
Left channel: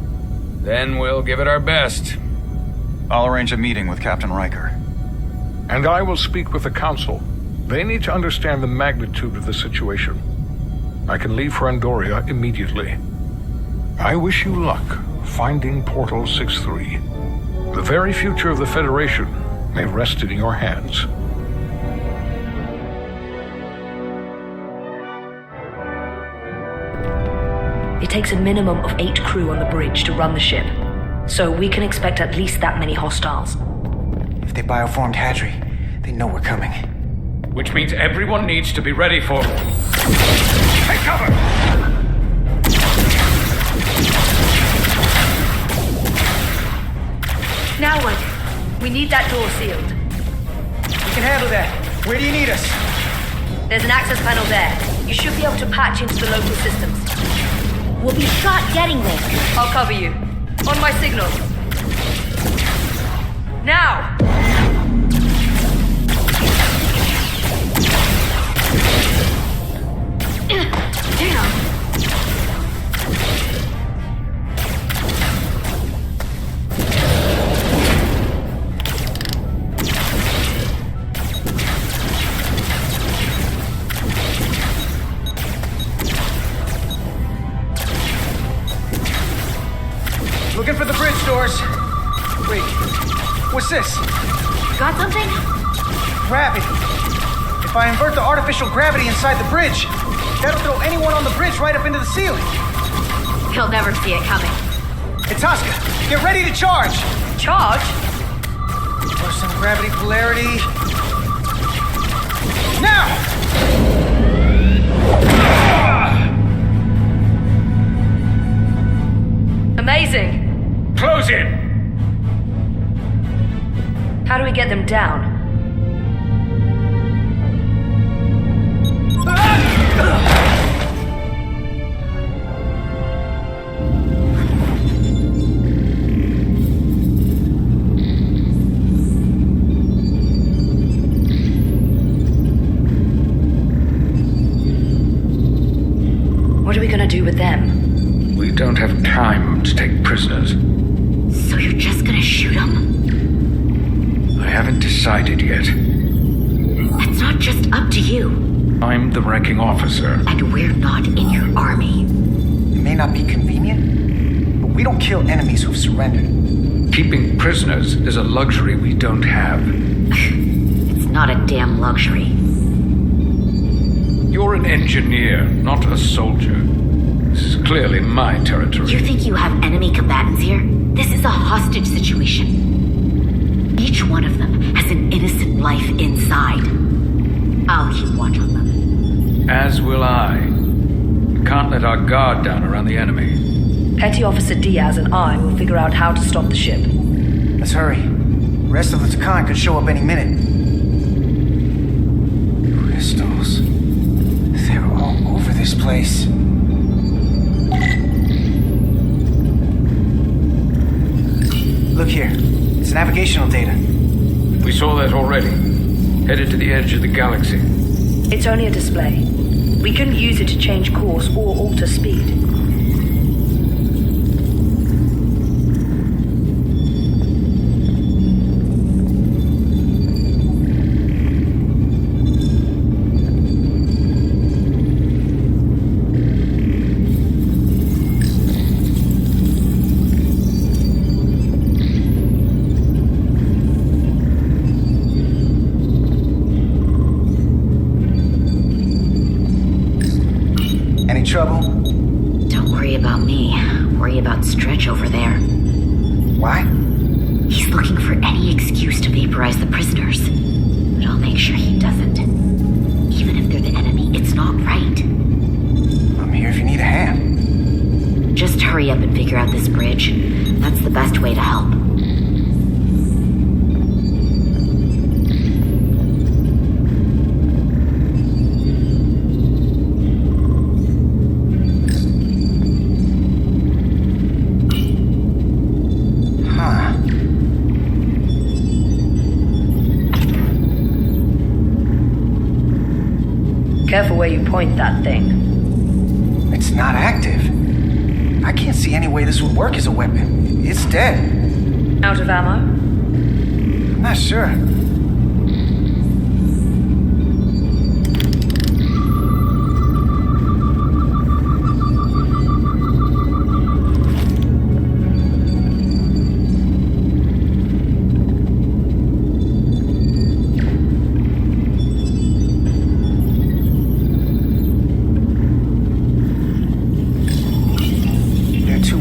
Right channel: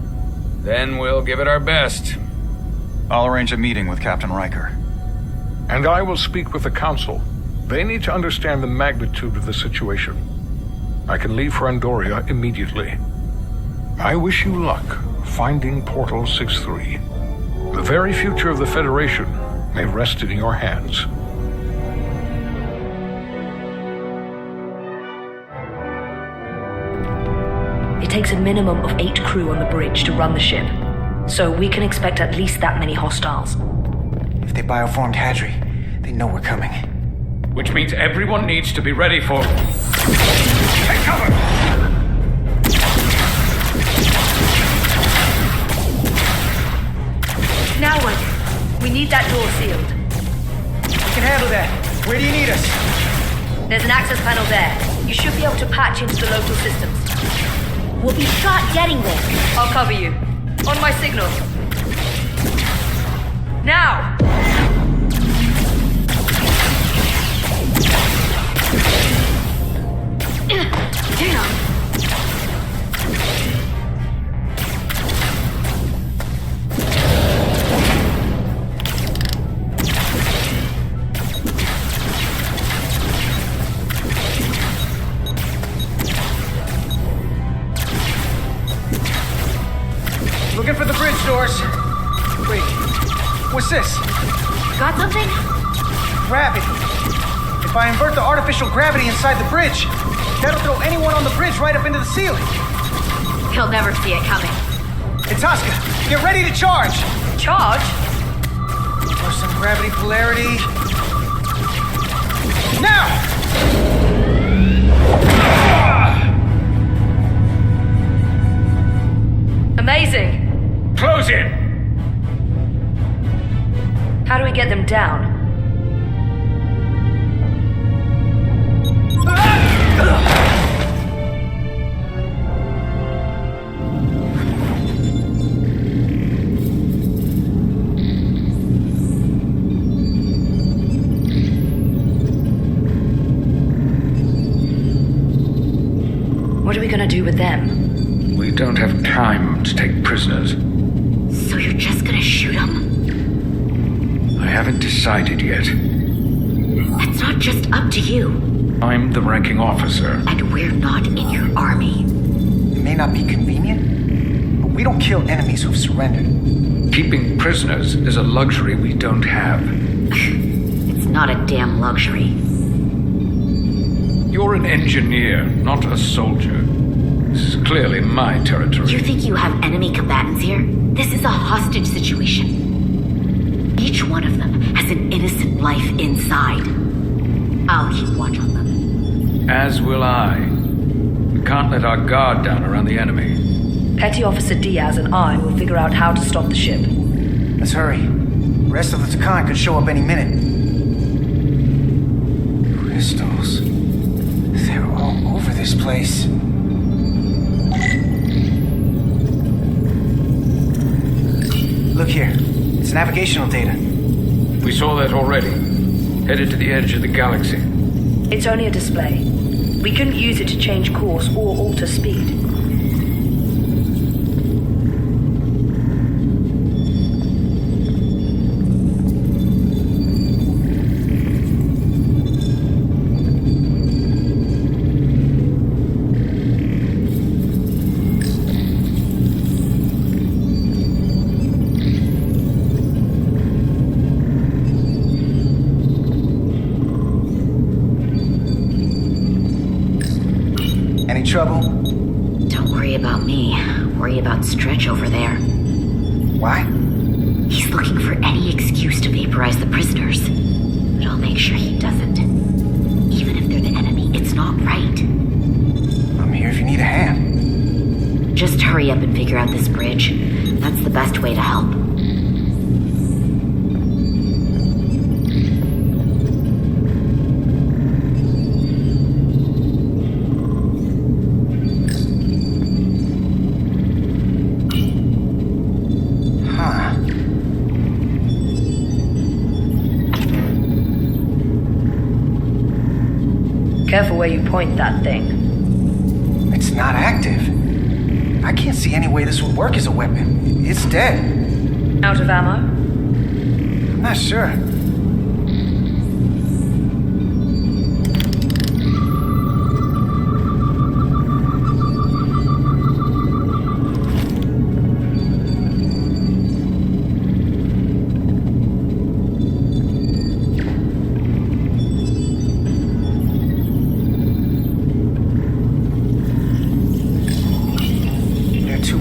Then we'll give it our best. I'll arrange a meeting with Captain Riker. And I will speak with the Council. They need to understand the magnitude of the situation. I can leave for Andoria immediately. I wish you luck finding Portal 6-3. The very future of the Federation may rest in your hands. It takes a minimum of 8 crew on the bridge to run the ship, so we can expect at least that many hostiles. If they bioformed Hadri, they know we're coming. Which means everyone needs to be ready for... Take cover! Now what? We need that door sealed. We can handle that. Where do you need us? There's an access panel there. You should be able to patch into the local systems. We'll be shot getting there. I'll cover you. On my signal. Now! Damn. Looking for the bridge doors. Wait, what's this? Got something? Gravity. If I invert the artificial gravity inside the bridge, that'll throw anyone on the bridge right up into the ceiling. He'll never see it coming. Itasca, get ready to charge. Charge? For some gravity polarity. Now! Amazing. Close in! How do we get them down? What are we gonna do with them? We don't have time to take prisoners. So you're just gonna shoot him? I haven't decided yet. That's not just up to you. I'm the ranking officer. And we're not in your army. It may not be convenient, but we don't kill enemies who've surrendered. Keeping prisoners is a luxury we don't have. It's not a damn luxury. You're an engineer, not a soldier. This is clearly my territory. You think you have enemy combatants here? This is a hostage situation. Each one of them has an innocent life inside. I'll keep watch on them. As will I. We can't let our guard down around the enemy. Petty Officer Diaz and I will figure out how to stop the ship. Let's hurry. The rest of the Takan could show up any minute. Crystals. They're all over this place. Look here. It's navigational data. We saw that already. Headed to the edge of the galaxy. It's only a display. We couldn't use it to change course or alter speed. Any trouble? Don't worry about me. Worry about Stretch over there. Why? He's looking for any excuse to vaporize the prisoners. But I'll make sure he doesn't. Even if they're the enemy, it's not right. I'm here if you need a hand. Just hurry up and figure out this bridge. That's the best way to help. Careful where you point that thing. It's not active. I can't see any way this would work as a weapon. It's dead. Out of ammo? I'm not sure.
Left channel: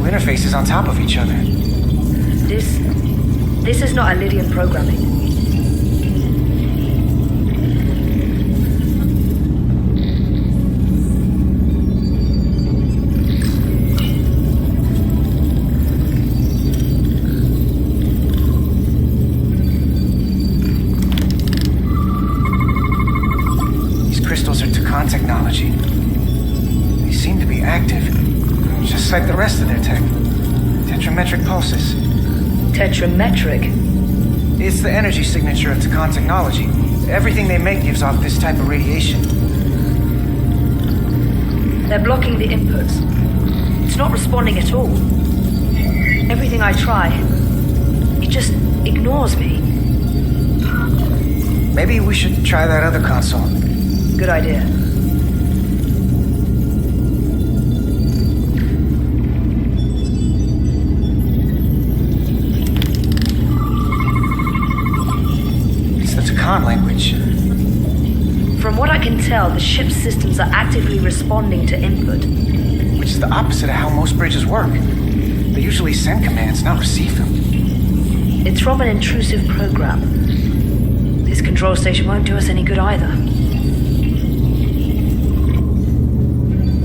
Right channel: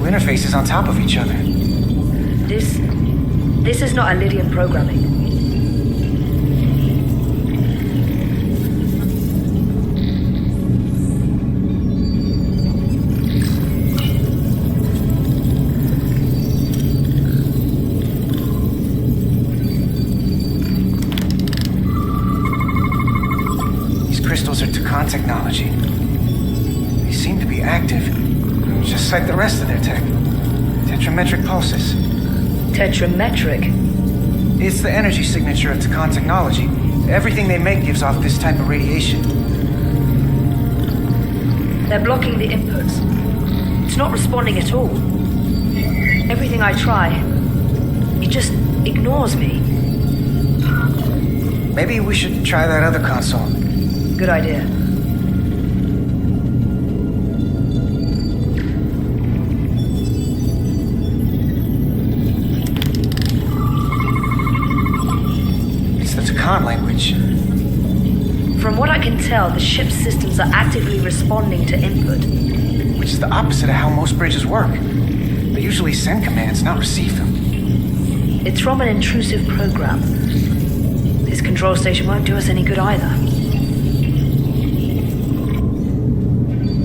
Interfaces on top of each other. This is not Lydian programming. These crystals are Takan technology. They seem to be active. Just like the rest of their tech. Tetrametric pulses. Tetrametric? It's the energy signature of Takan technology. Everything they make gives off this type of radiation. They're blocking the inputs. It's not responding at all. Everything I try, it just ignores me. Maybe we should try that other console. Good idea. It's the Takan language. From what I can tell, the ship's systems are actively responding to input. Which is the opposite of how most bridges work. They usually send commands, not receive them. It's from an intrusive program. This control station won't do us any good either.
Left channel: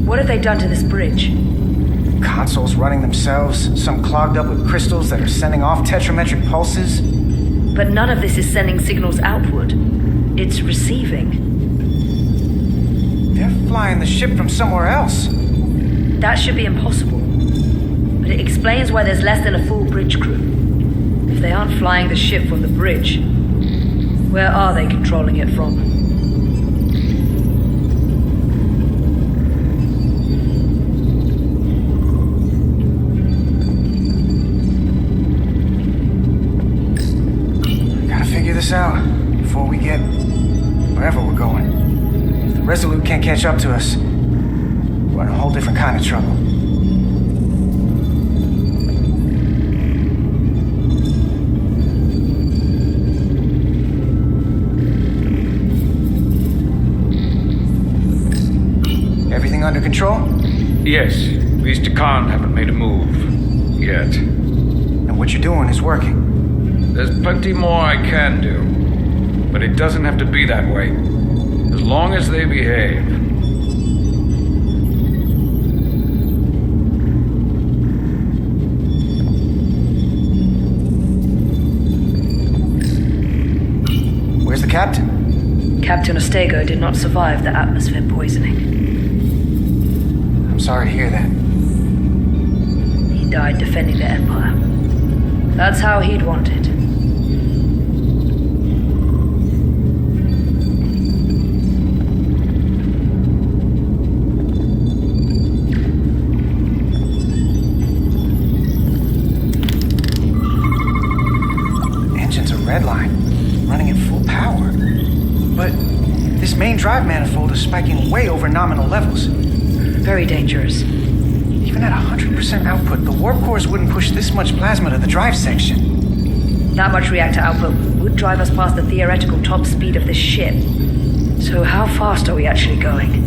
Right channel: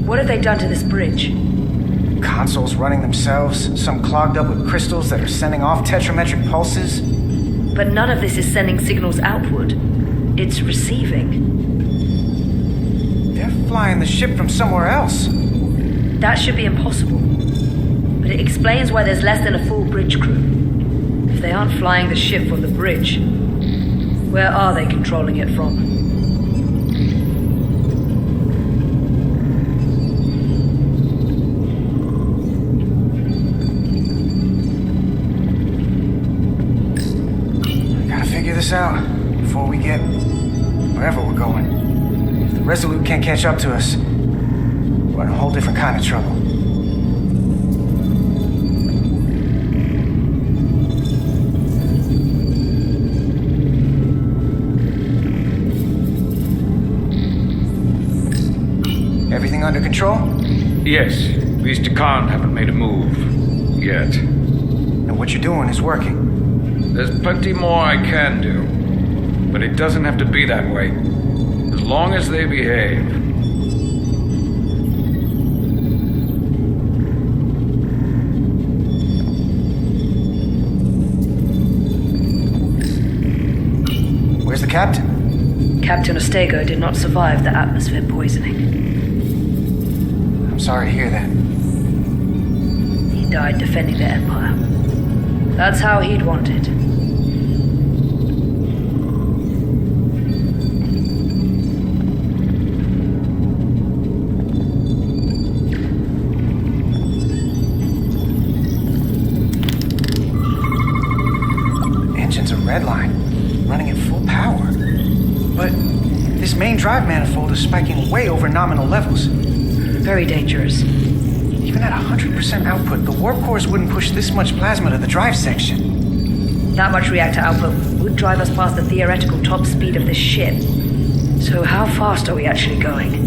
What have they done to this bridge? Consoles running themselves, some clogged up with crystals that are sending off tetrametric pulses. But none of this is sending signals outward. It's receiving. They're flying the ship from somewhere else. That should be impossible. But it explains why there's less than a full bridge crew. If they aren't flying the ship from the bridge, where are they controlling it from? Gotta figure this out before we get wherever we're going. If the Resolute can't catch up to us, we're in a whole different kind of trouble. Everything under control? Yes. These Takan haven't made a move. Yet. And what you're doing is working. There's plenty more I can do. But it doesn't have to be that way. As long as they behave. Where's the captain? Captain Ostego did not survive the atmosphere poisoning. I'm sorry to hear that. He died defending the Empire. That's how he'd want it. Engine's a red line, running at full power. But this main drive manifold is spiking way over nominal levels. Very dangerous. Even at 100% output, the warp cores wouldn't push this much plasma to the drive section. That much reactor output would drive us past the theoretical top speed of this ship. So how fast are we actually going?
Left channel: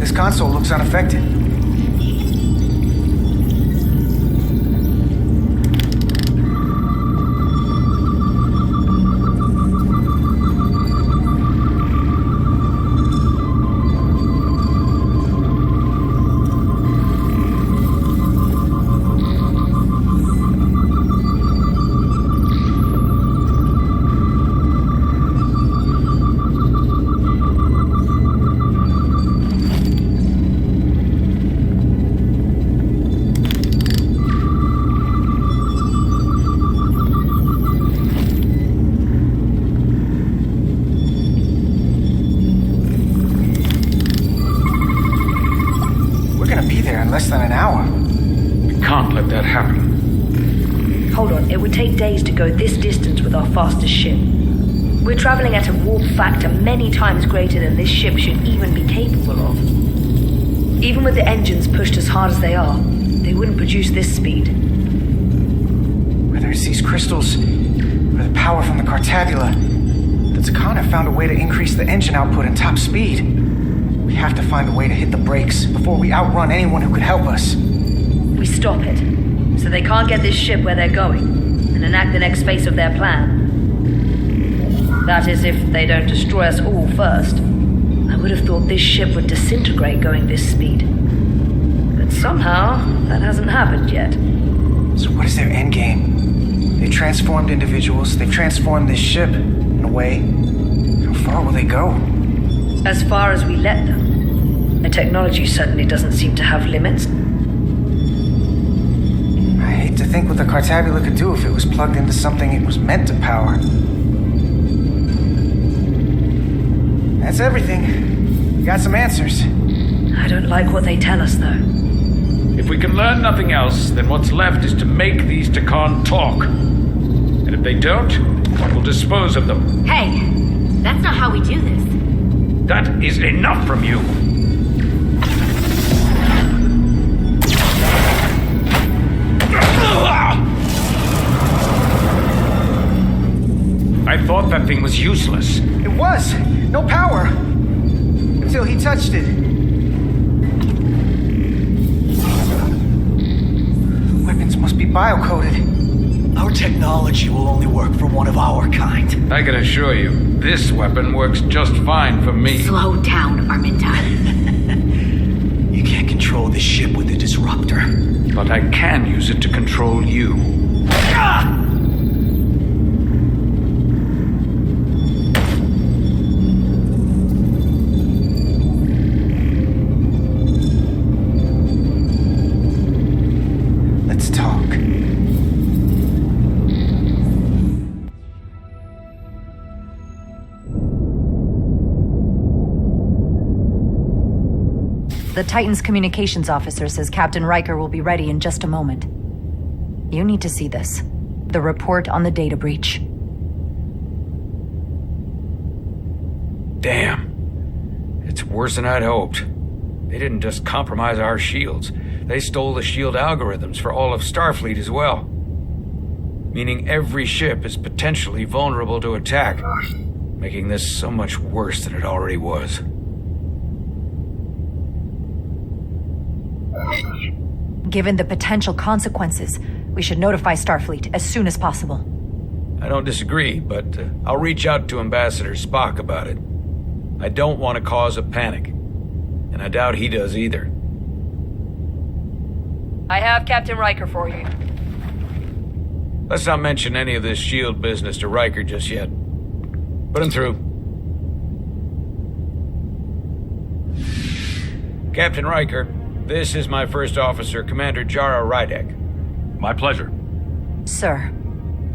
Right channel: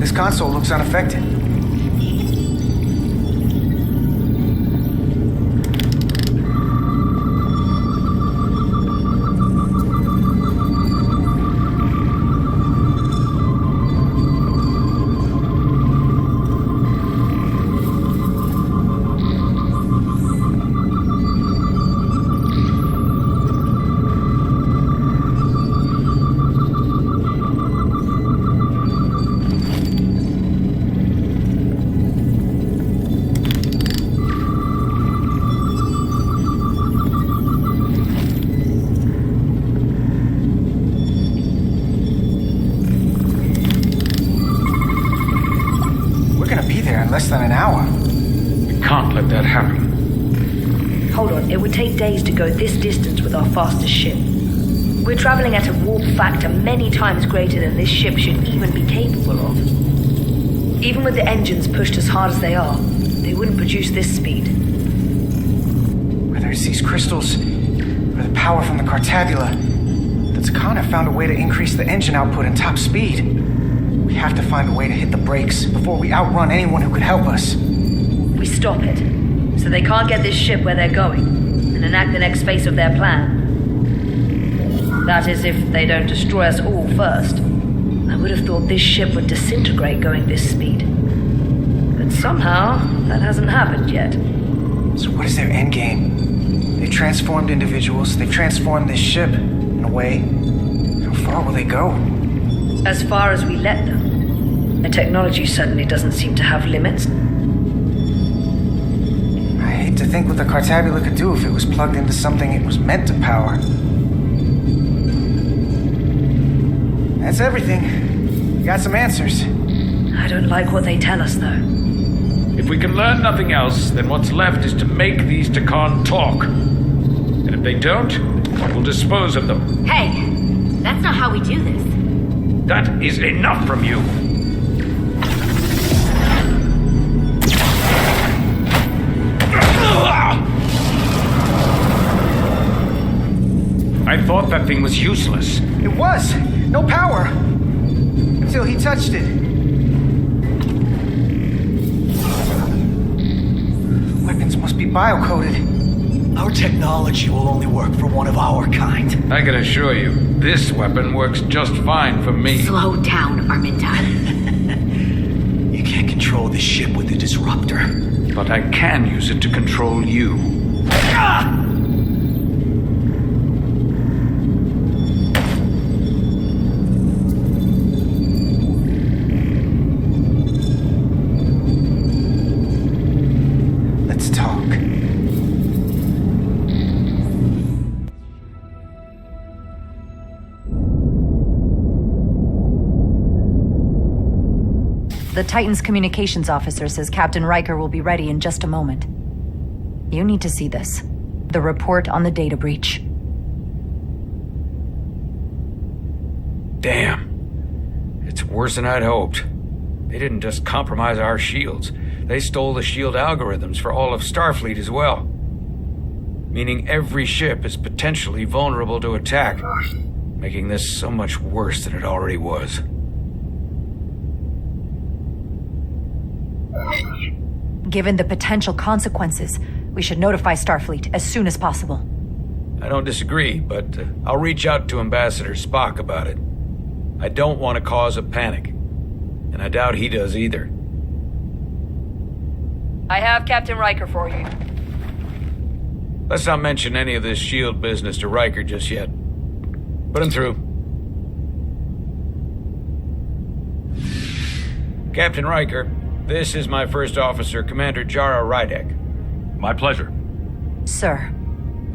This console looks unaffected. Less than an hour. We can't let that happen. Hold on, it would take days to go this distance with our fastest ship. We're traveling at a warp factor many times greater than this ship should even be capable of. Even with the engines pushed as hard as they are, they wouldn't produce this speed. Whether it's these crystals or the power from the Cartabula, the Takan have found a way to increase the engine output and top speed. We have to find a way to hit the brakes before we outrun anyone who could help us. We stop it, so they can't get this ship where they're going, and enact the next phase of their plan. That is, if they don't destroy us all first. I would have thought this ship would disintegrate going this speed. But somehow, that hasn't happened yet. So what is their endgame? They've transformed individuals, they've transformed this ship, in a way. How far will they go? As far as we let them, the technology certainly doesn't seem to have limits. I hate to think what the Cartabula could do if it was plugged into something it was meant to power. That's everything. We got some answers. I don't like what they tell us, though. If we can learn nothing else, then what's left is to make these Takan talk. And if they don't, we'll dispose of them. Hey, that's not how we do this. That is enough from you. I thought that thing was useless. It was. No power. Until he touched it. Weapons must be biocoded. Our technology will only work for one of our kind. I can assure you, this weapon works just fine for me. Slow down, Arminta. You can't control this ship with a disruptor. But I can use it to control you. Ah! Let's talk. The Titan's communications officer says Captain Riker will be ready in just a moment. You need to see this. The report on the data breach. Damn. It's worse than I'd hoped. They didn't just compromise our shields. They stole the shield algorithms for all of Starfleet as well. Meaning every ship is potentially vulnerable to attack, making this so much worse than it already was. Given the potential consequences, we should notify Starfleet as soon as possible. I don't disagree, but I'll reach out to Ambassador Spock about it. I don't want to cause a panic, and I doubt he does either. I have Captain Riker for you. Let's not mention any of this shield business to Riker just yet. Put him through. Captain Riker, this is my first officer, Commander Jara Rydek. My pleasure. Sir.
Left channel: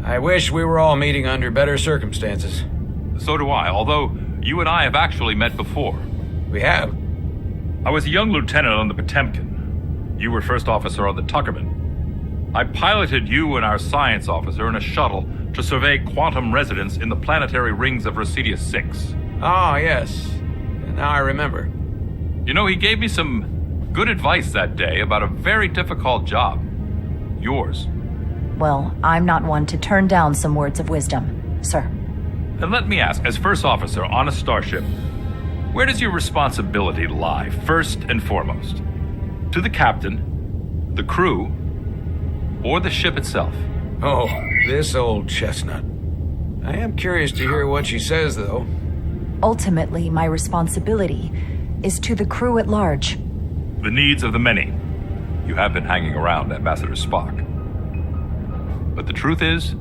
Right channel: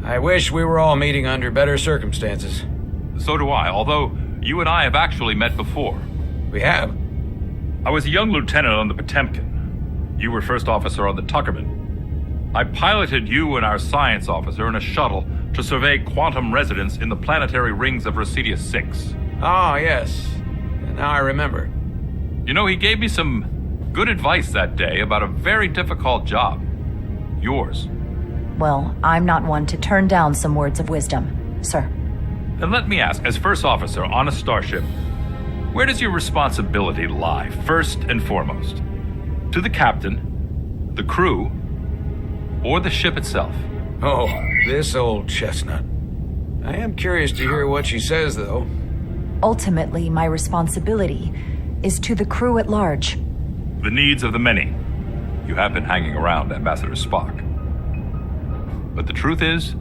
I wish we were all meeting under better circumstances. So do I, although you and I have actually met before. We have? I was a young lieutenant on the Potemkin. You were first officer on the Tuckerman. I piloted you and our science officer in a shuttle to survey quantum resonance in the planetary rings of Residius 6. Ah, yes. Now I remember. You know, he gave me some good advice that day about a very difficult job. Yours. Well, I'm not one to turn down some words of wisdom, sir. And let me ask, as first officer on a starship, where does your responsibility lie, first and foremost? To the captain, the crew, or the ship itself? Oh, this old chestnut. I am curious to hear what she says, though. Ultimately, my responsibility is to the crew at large. The needs of the many. You have been hanging around Ambassador Spock. But the truth is,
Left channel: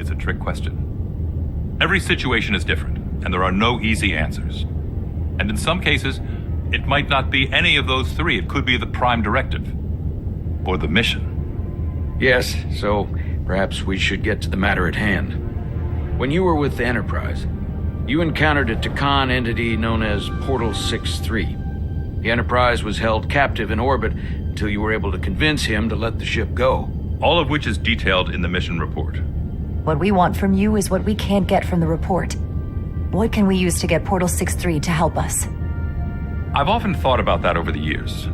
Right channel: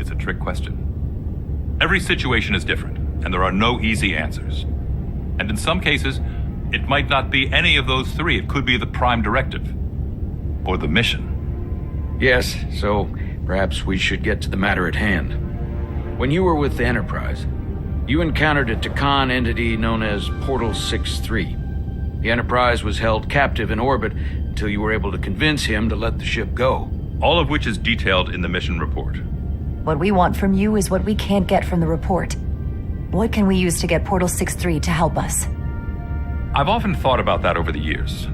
it's a trick question. Every situation is different, and there are no easy answers. And in some cases, it might not be any of those three. It could be the prime directive. Or the mission. Yes, so perhaps we should get to the matter at hand. When you were with the Enterprise, you encountered a Takan entity known as Portal 6-3. The Enterprise was held captive in orbit until you were able to convince him to let the ship go. All of which is detailed in the mission report. What we want from you is what we can't get from the report. What can we use to get Portal 6-3 to help us? I've often thought about that over the years.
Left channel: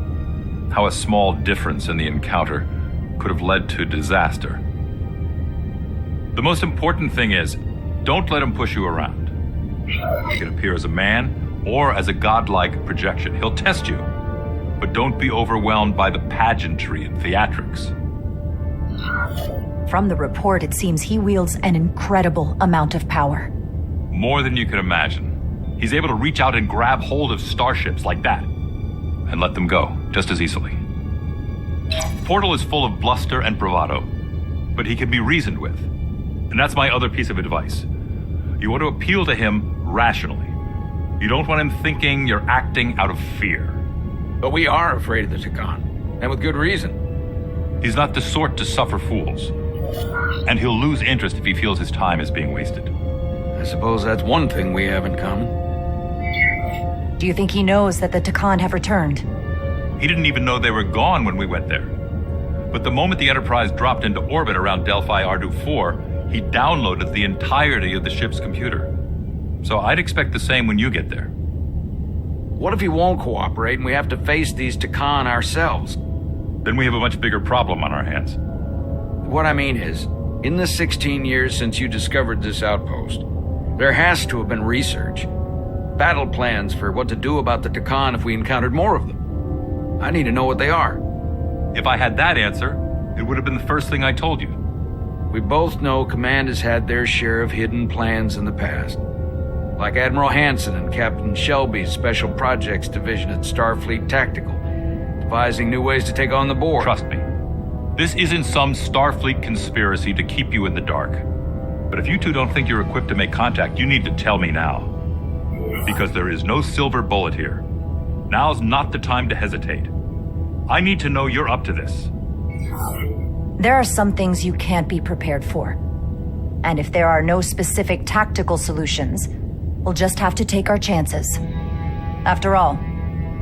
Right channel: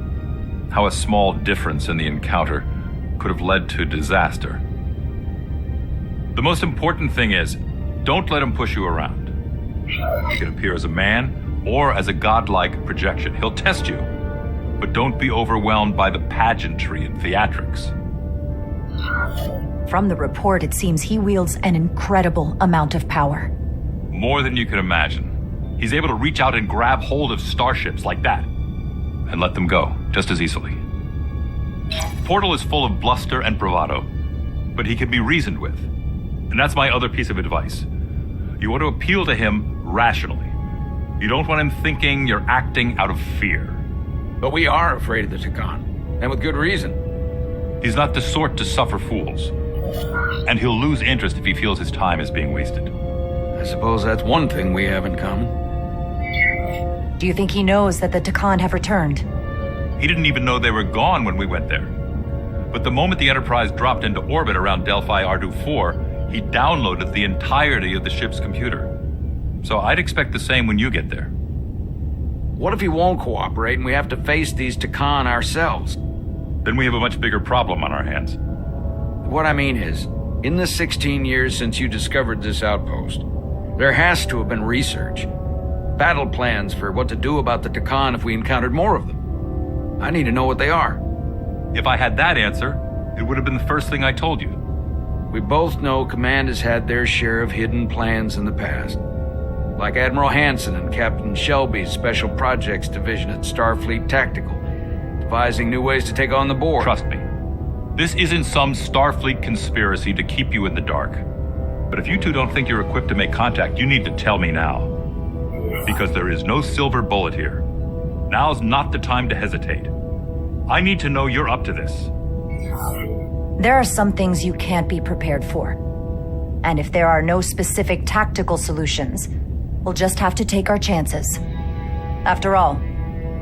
How a small difference in the encounter could have led to disaster. The most important thing is, don't let him push you around. He can appear as a man or as a godlike projection. He'll test you. But don't be overwhelmed by the pageantry and theatrics. From the report, it seems he wields an incredible amount of power. More than you can imagine. He's able to reach out and grab hold of starships like that and let them go just as easily. Portal is full of bluster and bravado, but he can be reasoned with. And that's my other piece of advice. You want to appeal to him rationally. You don't want him thinking you're acting out of fear. But we are afraid of the Takan, and with good reason. He's not the sort to suffer fools. And he'll lose interest if he feels his time is being wasted. I suppose that's one thing we have in common. Do you think he knows that the Takan have returned? He didn't even know they were gone when we went there. But the moment the Enterprise dropped into orbit around Delphi Ardu 4, he downloaded the entirety of the ship's computer. So I'd expect the same when you get there. What if he won't cooperate and we have to face these Takan ourselves? Then we have a much bigger problem on our hands. What I mean is, in the 16 years since you discovered this outpost, there has to have been research. Battle plans for what to do about the Takan if we encountered more of them. I need to know what they are. If I had that answer, it would have been the first thing I told you. We both know Command has had their share of hidden plans in the past. Like Admiral Hansen and Captain Shelby's Special Projects Division at Starfleet Tactical, devising new ways to take on the Borg. Trust me, this isn't some Starfleet conspiracy to keep you in the dark. But if you two don't think you're equipped to make contact, you need to tell me now. Because there is no silver bullet here. Now's not the time to hesitate. I need to know you're up to this. There are some things you can't be prepared for. And if there are no specific tactical solutions, we'll just have to take our chances. After all,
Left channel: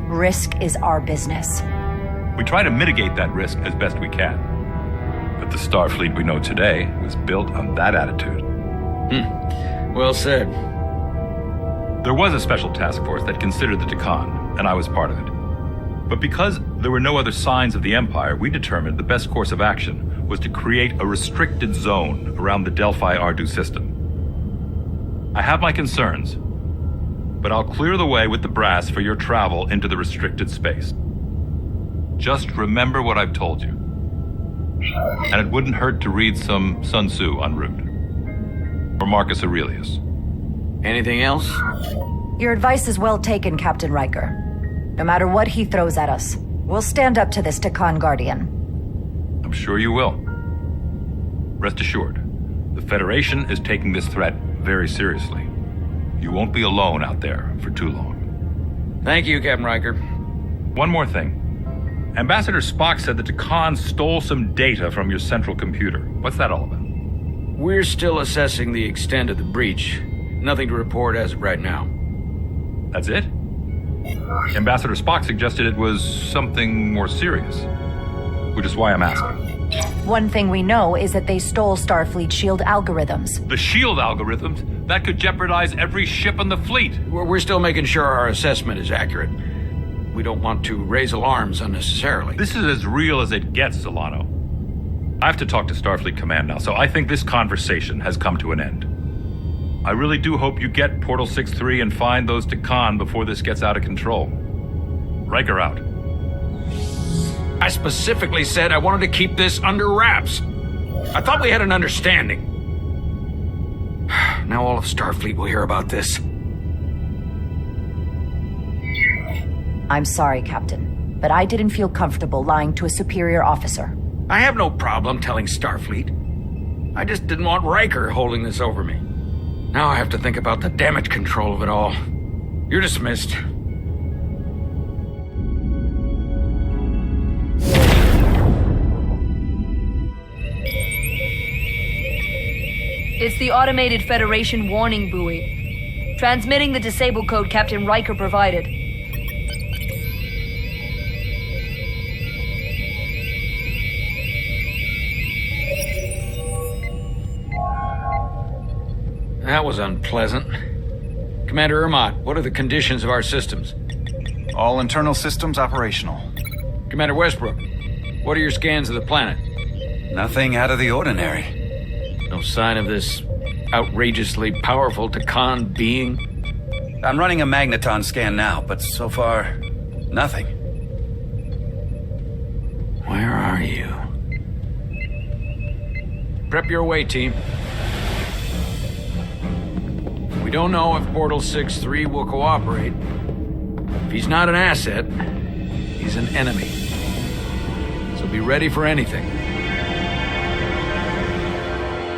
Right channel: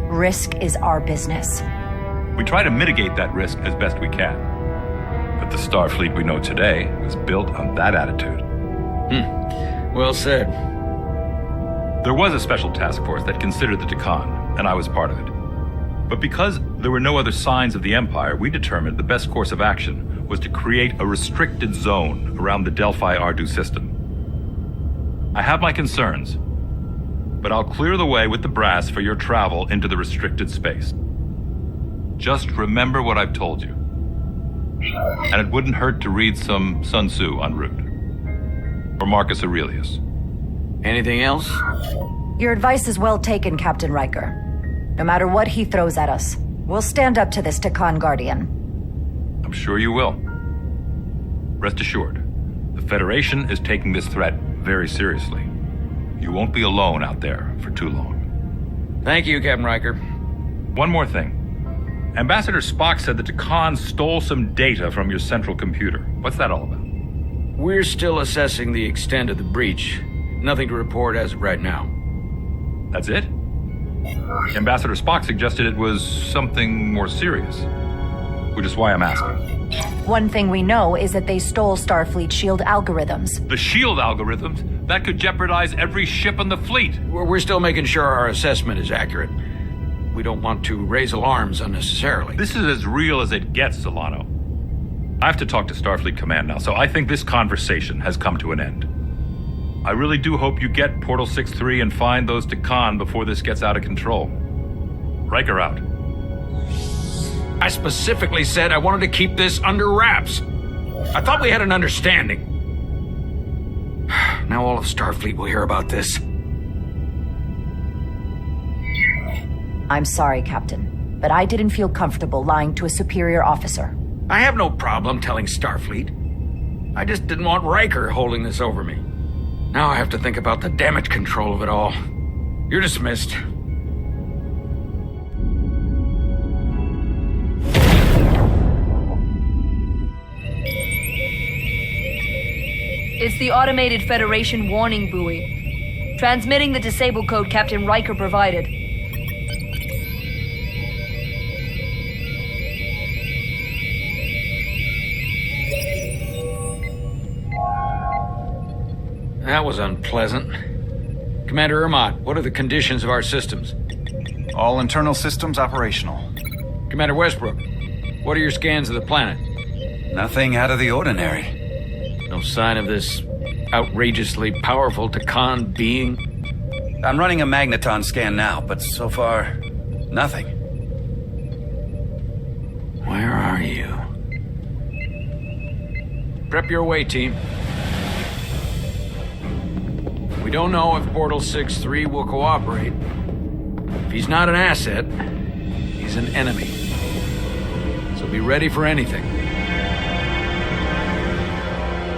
risk is our business. We try to mitigate that risk as best we can. But the Starfleet we know today was built on that attitude. Well said. There was a special task force that considered the Takan, and I was part of it. But because there were no other signs of the Empire, we determined the best course of action was to create a restricted zone around the Delphi Ardu system. I have my concerns, but I'll clear the way with the brass for your travel into the restricted space. Just remember what I've told you. And it wouldn't hurt to read some Sun Tzu en route. Or Marcus Aurelius. Anything else? Your advice is well taken, Captain Riker. No matter what he throws at us, we'll stand up to this Takan Guardian. I'm sure you will. Rest assured, the Federation is taking this threat very seriously. You won't be alone out there for too long. Thank you, Captain Riker. One more thing. Ambassador Spock said that Takan stole some data from your central computer. What's that all about? We're still assessing the extent of the breach. Nothing to report as of right now. That's it? Ambassador Spock suggested it was something more serious, which is why I'm asking. One thing we know is that they stole Starfleet shield algorithms. The shield algorithms? That could jeopardize every ship in the fleet. We're still making sure our assessment is accurate. We don't want to raise alarms unnecessarily. This is as real as it gets, Solano. I have to talk to Starfleet Command now, so I think this conversation has come to an end. I really do hope you get Portal 6-3 and find those Takan before this gets out of control. Riker out. I specifically said I wanted to keep this under wraps. I thought we had an understanding. Now all of Starfleet will hear about this. I'm sorry, Captain, but I didn't feel comfortable lying to a superior officer. I have no problem telling Starfleet. I just didn't want Riker holding this over me. Now I have to think about the damage control of it all. You're dismissed. It's the automated Federation warning buoy. Transmitting the disable code Captain Riker provided. That was unpleasant. Commander Ermont, what are the conditions of our systems? All internal systems operational. Commander Westbrook, what are your scans of the planet? Nothing out of the ordinary. No sign of this outrageously powerful Takan being? I'm running a magneton scan now, but so far, nothing. Where are you? Prep your way, team. We don't know if Portal 6-3 will cooperate. If he's not an asset, he's an enemy. So be ready for anything.